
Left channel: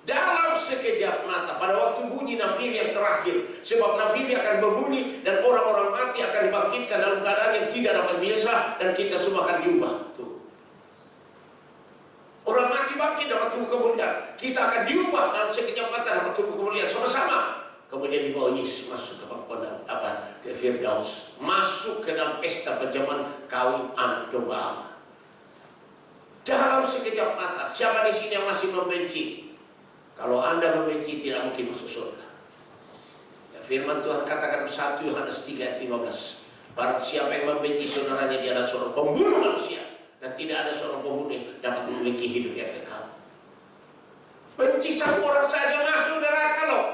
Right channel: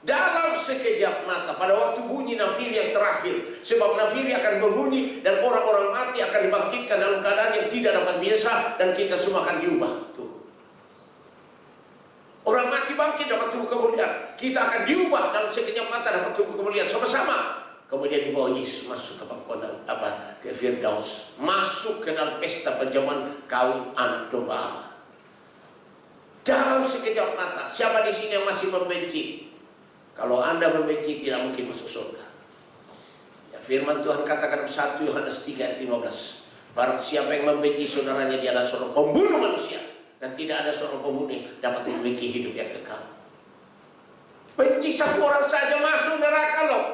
Dalam sekejap mata, pada waktu bunyi nafiri yang terakhir. Sebab nafiri akan berbunyi dan orang-orang mati akan dibangkitkan dalam keadaan yang tidak dapat biasa, dan kita semua akan diubah. Tuh. Orang mati bangkit dapat tubuh kemuliaan. Kita akan diubah dalam sekejap mata dapat tubuh kemuliaan sama-sama. Kemudian dibawa Yesus masuk ke pangkuan ke Firdaus, masuk ke dalam pesta perjamuan kawin anak domba Allah. Dalam sekejap mata. Siapa di sini yang masih membenci? Kalau Anda membenci, tidak mungkin masuk surga. Ya, Firman Tuhan katakan 1 Yohanes 3 ayat 15. Barang siapa yang membenci saudaranya, dia adalah seorang pembunuh manusia. Dan tidak ada seorang pembunuh yang dapat memiliki hidup yang kekal. Benci satu orang saja masuk neraka loh.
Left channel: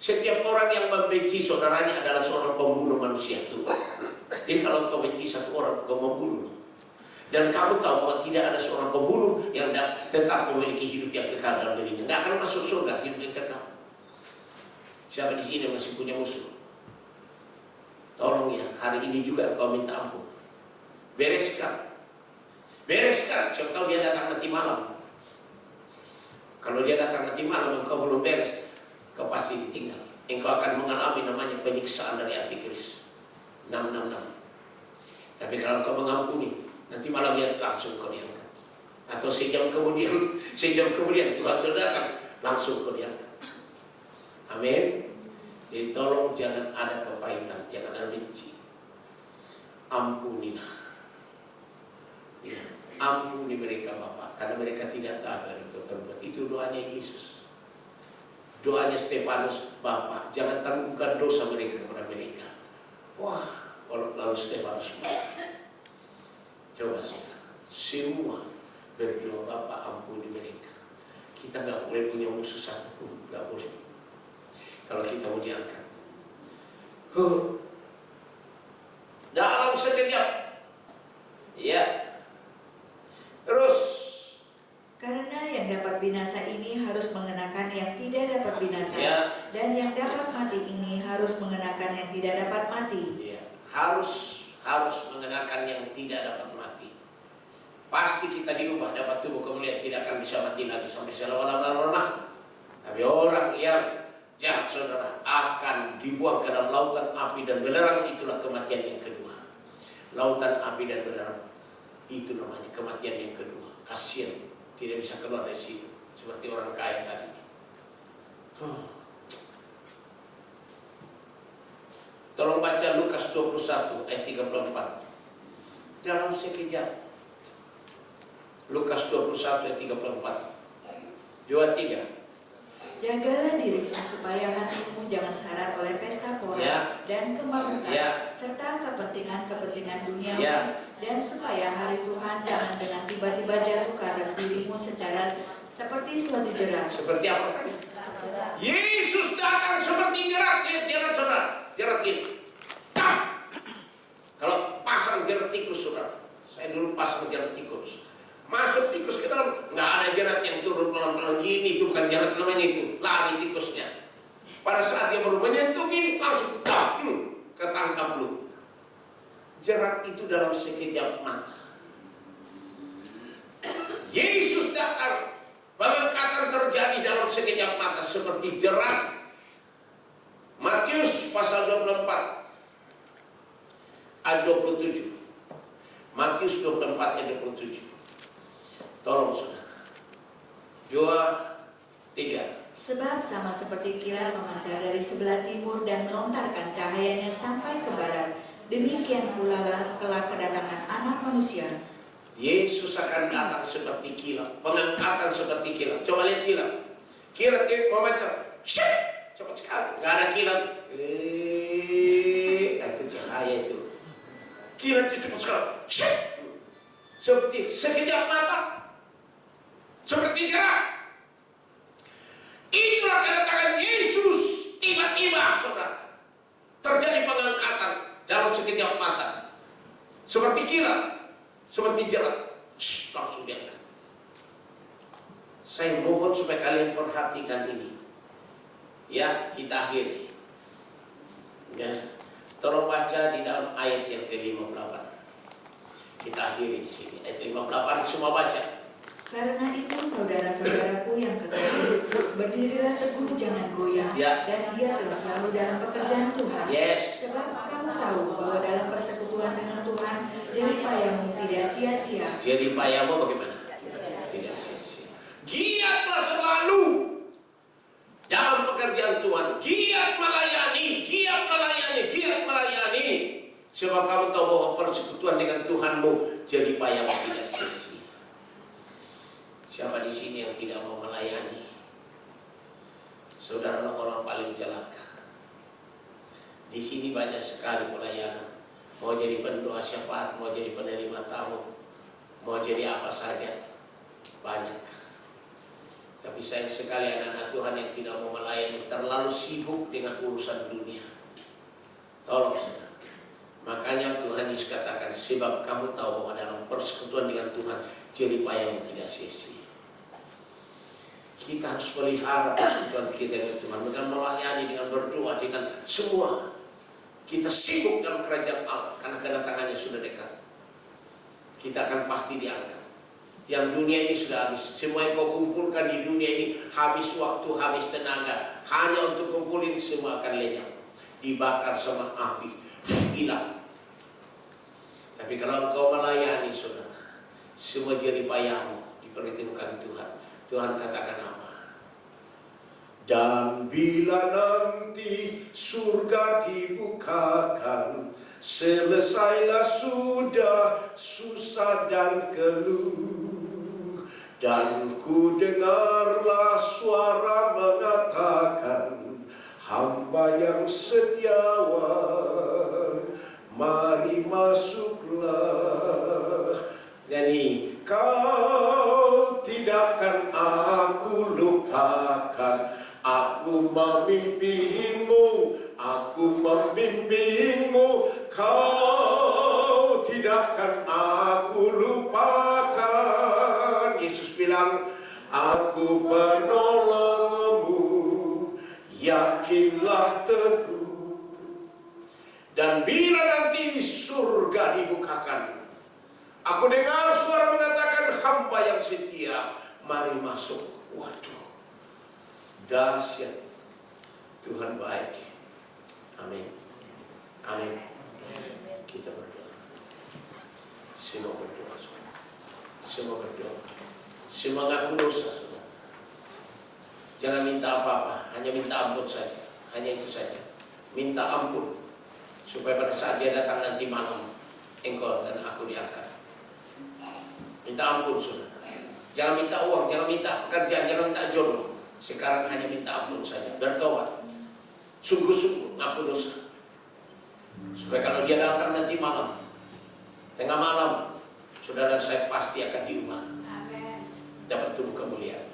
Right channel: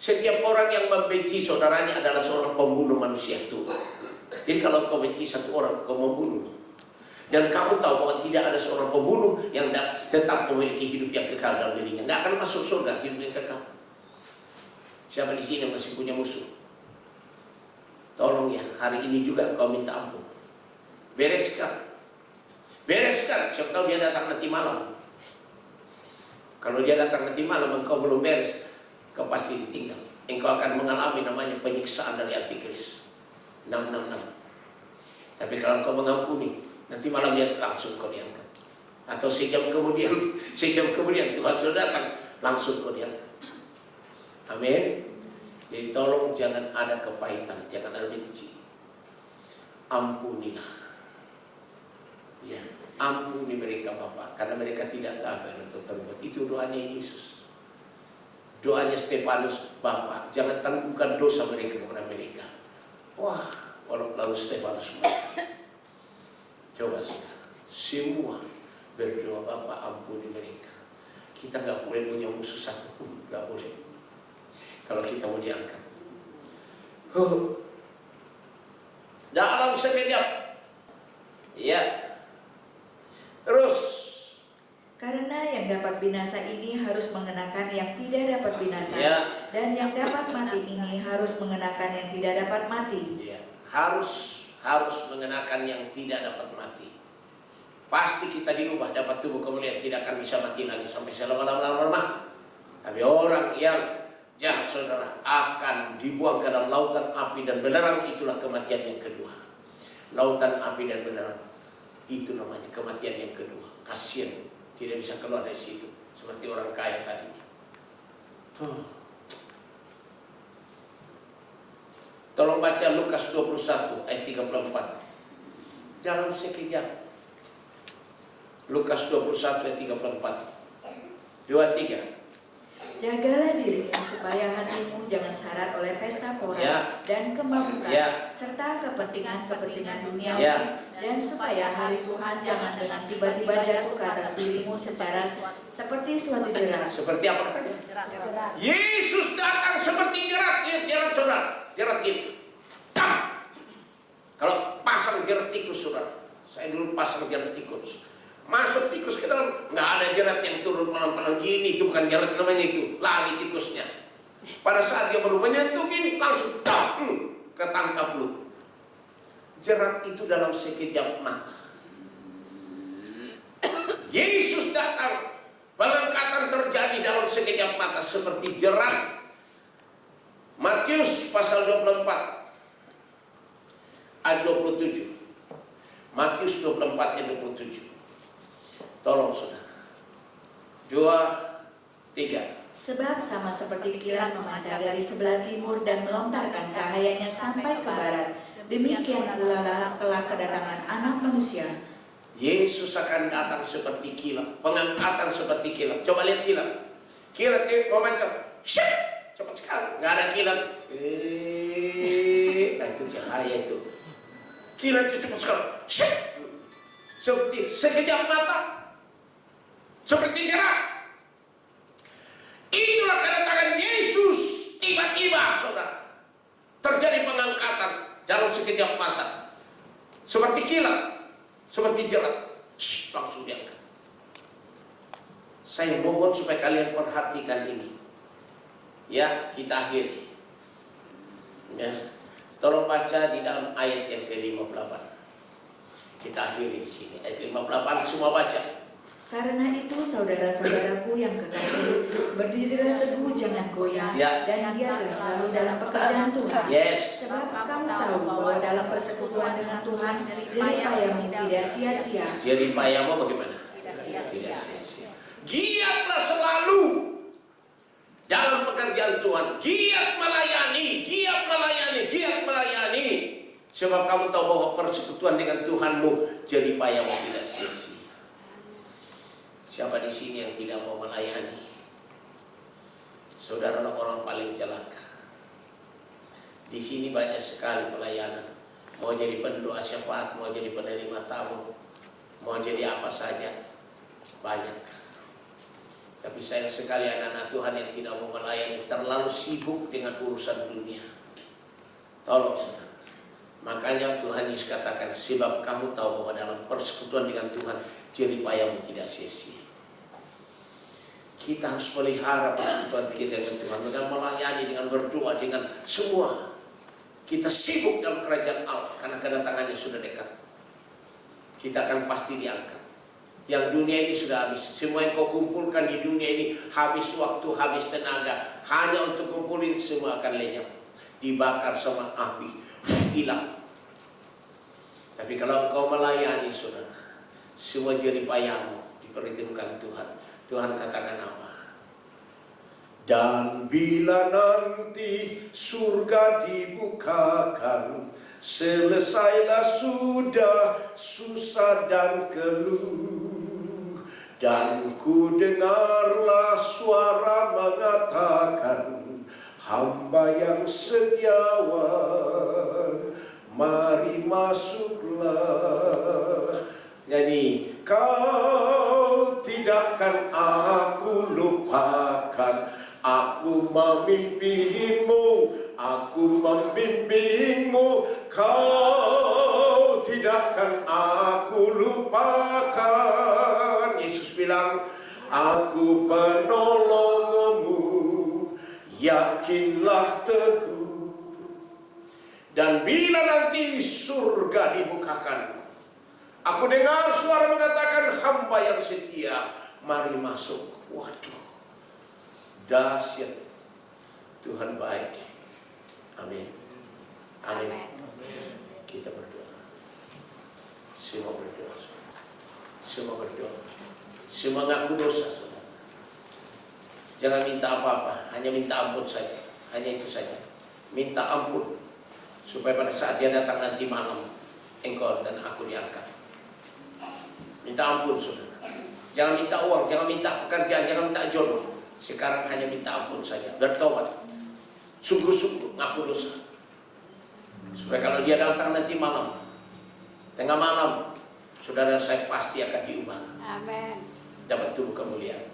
Setiap orang yang membenci saudaranya adalah seorang pembunuh manusia Tuhan. Jadi kalau kau benci satu orang, kau membunuh. Dan kamu tahu bahwa tidak ada seorang pembunuh yang tetap memiliki hidup yang kekal dalam dirinya. Nggak akan masuk surga hidup yang kekal. Siapa di sini masih punya musuh? Tolong ya, hari ini juga engkau minta ampun. Bereskan. Bereskan, siapa tahu dia datang nanti malam. Kalau dia datang nanti malam, engkau belum beres, kau pasti ditinggal. Engkau akan mengalami namanya penyiksaan dari Antikris. 666. Tapi kalau engkau mengampuni, nanti malam dia langsung kau diangkat. Atau sejam kemudian Tuhan sudah datang, langsung kau diangkat. Amin. Jadi tolong jangan ada kepahitan, jangan ada benci. Ampunilah. Ya, ampuni mereka Bapak, karena mereka tidak tahu apa yang berbuat. Itu doanya Yesus. Doanya Stefanus, Bapak, jangan tangguhkan dosa mereka kepada mereka. Wah, kalau lalu Stefanus coba saudara, semua berdoa, Bapak ampuni mereka. Kita nggak boleh punya musuh satu pun, nggak boleh. Kalau kita mau diangkat, dalam sekejap, ya. Terus, karena yang dapat binasa ini harus mengenakan yang tidak dapat binasa, ya. Dan yang dapat mati ini harus mengenakan yang tidak dapat mati. Ya, harus mengenakan yang tidak dapat mati. Pasti kita diubah, dapat tubuh kemuliaan, tidak akan bisa mati lagi sampai selama-lamanya. Tapi orang yang jahat saudara akan dibuang ke dalam lautan api dan belerang. Itulah kematian yang kedua. Lautan api dan belerang, itu namanya kematian yang kedua. Kasihan, tidak bisa keluar dari situ, seperti orang kaya tadi. Tolong baca Lukas 21 ayat 34. Dalam sekejap. Lukas 21 ayat 34. 2-3. Jagalah dirimu supaya hatimu jangan syarat oleh pesta pora, Ya. dan kemampuan, Ya. serta kepentingan dunia, Ya. dan supaya hari Tuhan jangan dengan tiba-tiba jatuh ke atas dirimu seperti suatu jerat. Seperti apa katanya? Yesus datang seperti jerat. Lihat jerat saudara, jerat gini. Kalau pasang jerat tikus saudara, saya dulu pasang jerat tikus. Masuk tikus ke dalam, nggak ada jerat yang turun pelan-pelan gini, itu bukan jerat namanya, itu lari tikusnya. Pada saat dia baru menyentuh gini, langsung ketangkap lu. Jerat itu dalam sekejap mata. Yesus datang, pengangkatan terjadi dalam sekejap mata seperti jerat. Matius pasal 24 ayat 27. Matius 24 ayat 27. Tolong saudara. 2-3. Sebab sama seperti kilat memancar dari sebelah timur dan melontarkan cahayanya sampai ke barat, demikian pula kelak kedatangan Anak Manusia. Yesus akan datang seperti kilat, pengangkatan seperti kilat. Coba lihat kilat. Kilat itu memancar, cepat sekali. Gak ada kilat. Itu cahaya itu. Kilat itu cepat sekali. Seperti sekejap mata. Seperti jerat. Itulah kedatangan Yesus. Tiba-tiba saudara, terjadi pengangkatan dalam sekejap mata. Seperti kilat, seperti jerat. Langsung diangkat. Saya mohon supaya kalian perhatikan ini. Ya, kita akhiri. Ya. Tolong baca di dalam ayat yang ke-58. Kita akhiri di sini. Ayat 58 semua baca. Karena itu saudara-saudaraku yang kekasih, berdirilah teguh, jangan goyah, Ya. dan giatlah selalu dalam pekerjaan Tuhan. Yes. Sebab kamu tahu bahwa dalam persekutuan dengan Tuhan, jeripayamu tidak sia-sia. Jeripayamu bagaimana? Tidak sia-sia. Giatlah selalu dalam pekerjaan Tuhan. Giat melayani, giat melayani, giat melayani. Sebab kamu tahu bahwa persekutuan dengan Tuhanmu, jeripayamu tidak sia-sia. Siapa di sini yang tidak mau melayani? Saudara orang paling celaka. Di sini banyak sekali pelayanan. Mau jadi pendoa syafaat, mau jadi penerima tamu, mau jadi apa saja, banyak. Tapi sayang sekali anak-anak Tuhan yang tidak mau melayani, terlalu sibuk dengan urusan dunia. Tolong saudara. Makanya Tuhan Yesus katakan, sebab kamu tahu bahwa dalam persekutuan dengan Tuhan jeripayamu tidak sia-sia. Kita harus pelihara persekutuan kita dengan Tuhan dengan melayani, dengan berdoa, dengan semua. Kita sibuk dalam kerajaan Allah karena kedatangannya sudah dekat. Kita akan pasti diangkat. Yang dunia ini sudah habis. Semua yang kau kumpulkan di dunia ini habis waktu, habis tenaga. Hanya untuk kumpulin semua akan lenyap. Dibakar sama api, hilang. Tapi kalau engkau melayani saudara, semua jeripayamu diperhitungkan Tuhan. Tuhan katakan apa? Dan bila nanti surga dibukakan, selesailah sudah susah dan keluh, dan ku dengarlah suara mengatakan, hamba yang setiawan, mari masuklah. Nyanyi, kau tidak akan aku lupakan, aku memimpimu, aku membimbingmu, kau tidak akan aku lupakan. Yesus bilang, aku penolongmu, yakinlah teguh. Dan bila nanti surga dibukakan, aku dengar suara mengatakan, hamba yang setia, mari masuk. Waduh, dahsyat. Tuhan baik. Amin. Amin. Kita berdoa. Semua berdoa. Semua berdoa. Semua ngaku dosa, saudara. Jangan minta apa-apa, hanya minta ampun saja. Hanya itu saja. Minta ampun supaya pada saat dia datang nanti malam, engkau dan aku diangkat. Minta ampun saudara. Jangan minta uang, jangan minta pekerjaan, jangan minta jodoh. Sekarang hanya minta ampun saja. Bertobat. Sungguh-sungguh ngaku dosa. Supaya kalau dia datang nanti malam, tengah malam, saudara saya pasti akan diubah. Amin. Dapat tubuh kemuliaan.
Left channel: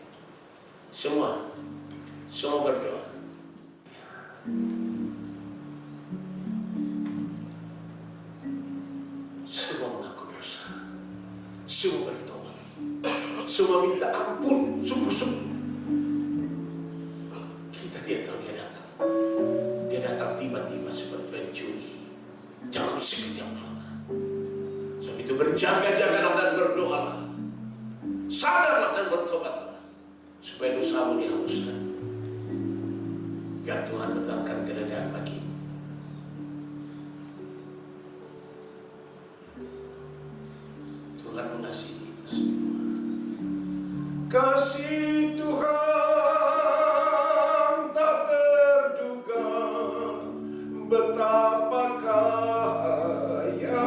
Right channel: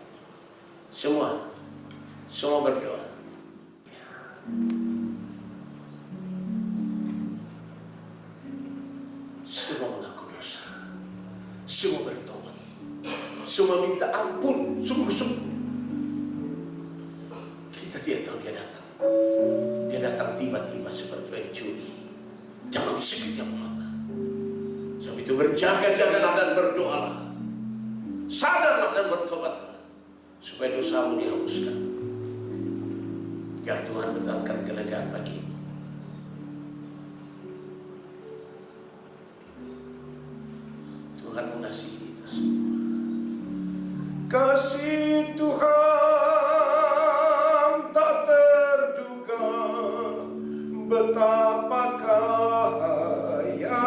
Semua berdoa. Semua mengaku dosa. Semua bertobat. Semua minta ampun. Sungguh-sungguh. Kita tidak tahu dia datang. Dia datang tiba-tiba seperti pencuri. Dalam sekejap mata. Sebab itu berjaga-jagalah dan berdoalah. Sadarlah dan bertobatlah. Supaya dosamu dihapuskan. Biar Tuhan mendatangkan kelegaan bagimu. Tuhan mengasihi kita semua. Kasih Tuhan tak terduga, betapa kayanya.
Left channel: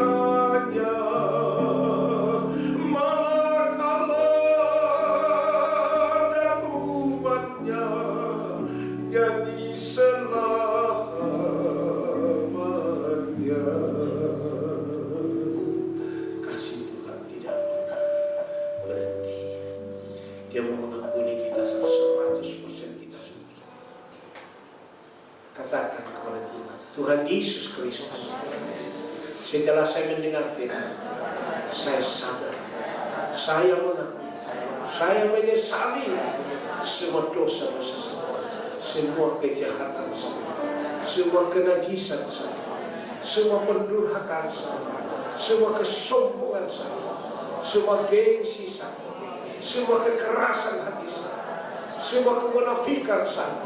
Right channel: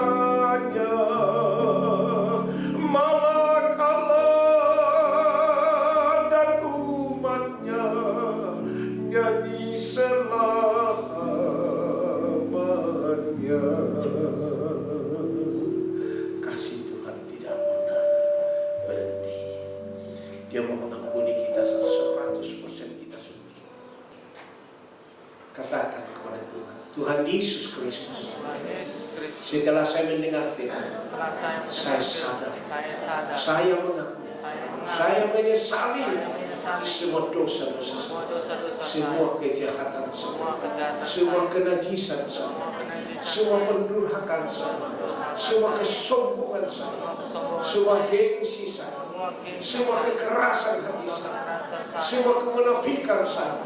Malakala dan umatnya nyanyi selamanya. Kasih Tuhan tidak pernah berhenti. Dia mau mengampuni kita 100% kita sungguh-sungguh. Katakan kepada Tuhan, Tuhan Yesus Kristus, setelah saya mendengar firman, saya sadar, saya mengakui, saya menyesali semua dosa-dosa saya, semua kejahatan saya, semua kenajisan saya, semua pendurhakaan saya, semua kesombongan saya, semua gengsi saya, semua kekerasan hati saya, semua kemunafikan saya,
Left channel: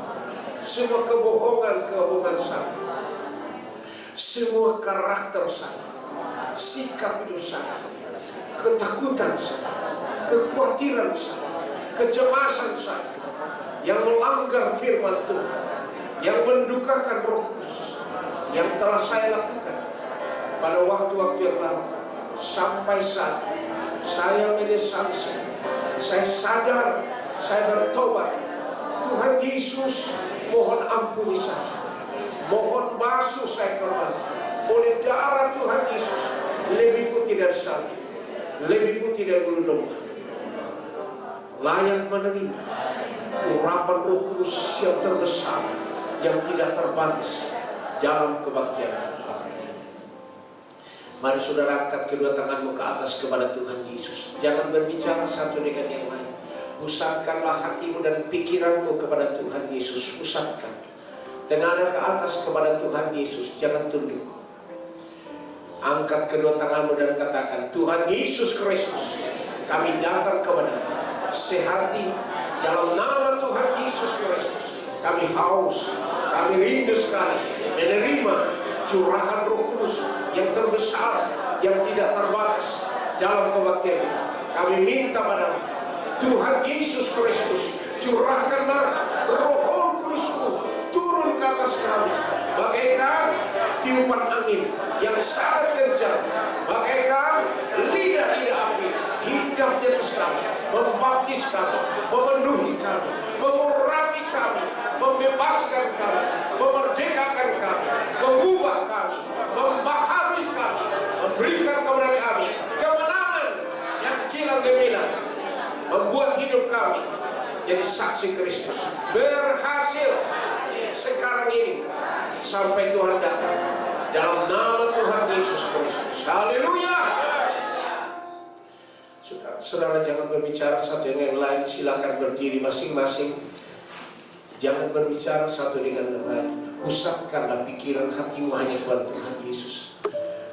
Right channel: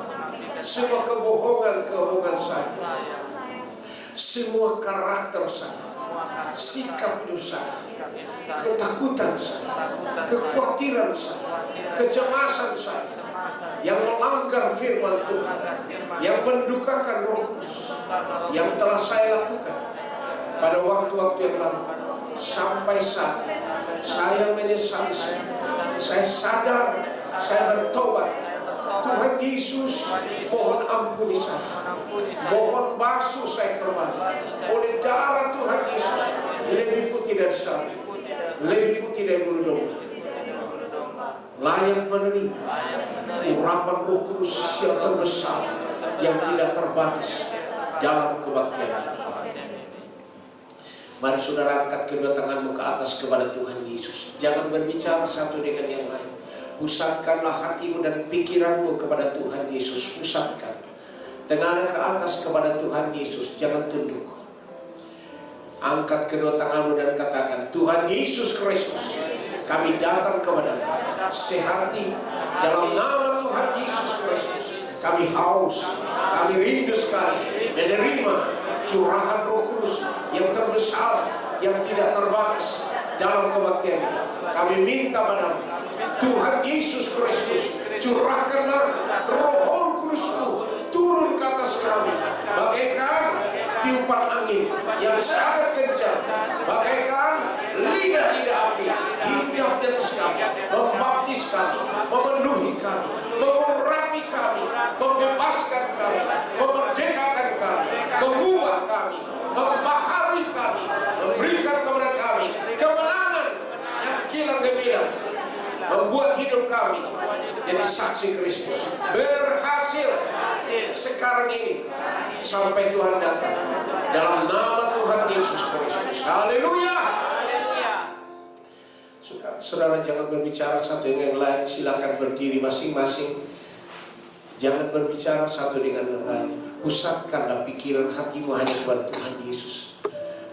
semua kebohongan saya, semua karakter saya, sikap dosa, ketakutan saya, kekhawatiran saya, kecemasan saya, yang melanggar firman Tuhan, yang mendukakan Roh Kudus, yang telah saya lakukan pada waktu-waktu yang lalu, sampai saat saya menyesali saya sadar, saya bertobat. Tuhan Yesus, mohon ampuni saya. Mohon basuh saya kembali oleh darah Tuhan Yesus, lebih putih dari salju, lebih putih dari bulu domba. Layak menerima urapan Roh Kudus yang terbesar, yang tidak terbatas dalam kebaktian. Mari saudara angkat kedua tanganmu ke atas kepada Tuhan Yesus. Jangan berbicara satu dengan yang lain. Pusatkanlah hatimu dan pikiranmu kepada Tuhan Yesus. Pusatkan. Tengadah ke atas kepada Tuhan Yesus. Jangan tunduk. Angkat kedua tanganmu dan katakan, Tuhan Yesus Kristus, kami datang kepadamu sehati dalam nama Tuhan Yesus Kristus. Kami haus, kami rindu sekali menerima curahan Roh Kudus yang terbesar, yang tidak terbatas dalam kebaktian. Kami minta padamu, Tuhan Yesus Kristus, curahkanlah Roh Kudus-Mu turun ke atas kami, bagaikan tiupan angin yang sangat kencang, bagaikan lidah-lidah api, hinggap di atas kami, membaptis kami, memenuhi kami, mengurapi kami, membebaskan kami, memerdekakan kami, mengubah kami, memahami kami, memberikan kepada kami kemenangan yang kilang gemilang, membuat hidup kami jadi saksi Kristus, berhasil sekarang ini sampai Tuhan datang, dalam nama Tuhan Yesus Kristus. Haleluya. Saudara jangan berbicara satu dengan yang lain. Silakan berdiri masing-masing. Jangan berbicara satu dengan yang lain. Pusatkanlah pikiran hatimu hanya kepada Tuhan Yesus.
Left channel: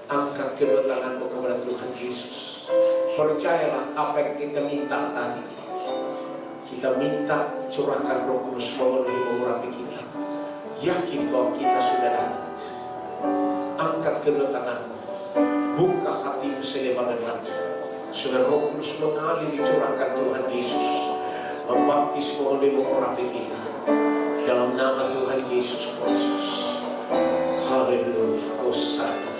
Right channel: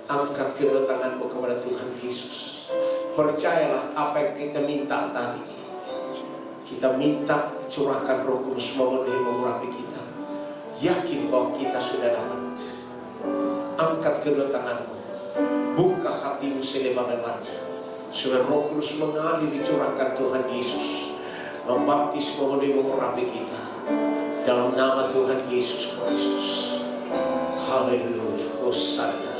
Angkat kedua tanganmu kepada Tuhan Yesus. Percayalah apa yang kita minta tadi. Kita minta curahkan Roh Kudus memenuhi mengurapi kita. Yakin bahwa kita sudah dapat. Angkat kedua tanganmu, buka hatimu selebar-lebarnya. Sudah Roh Kudus mengalir dicurahkan Tuhan Yesus, membaptis memenuhi mengurapi kita dalam nama Tuhan Yesus Kristus. Haleluya. Hosana.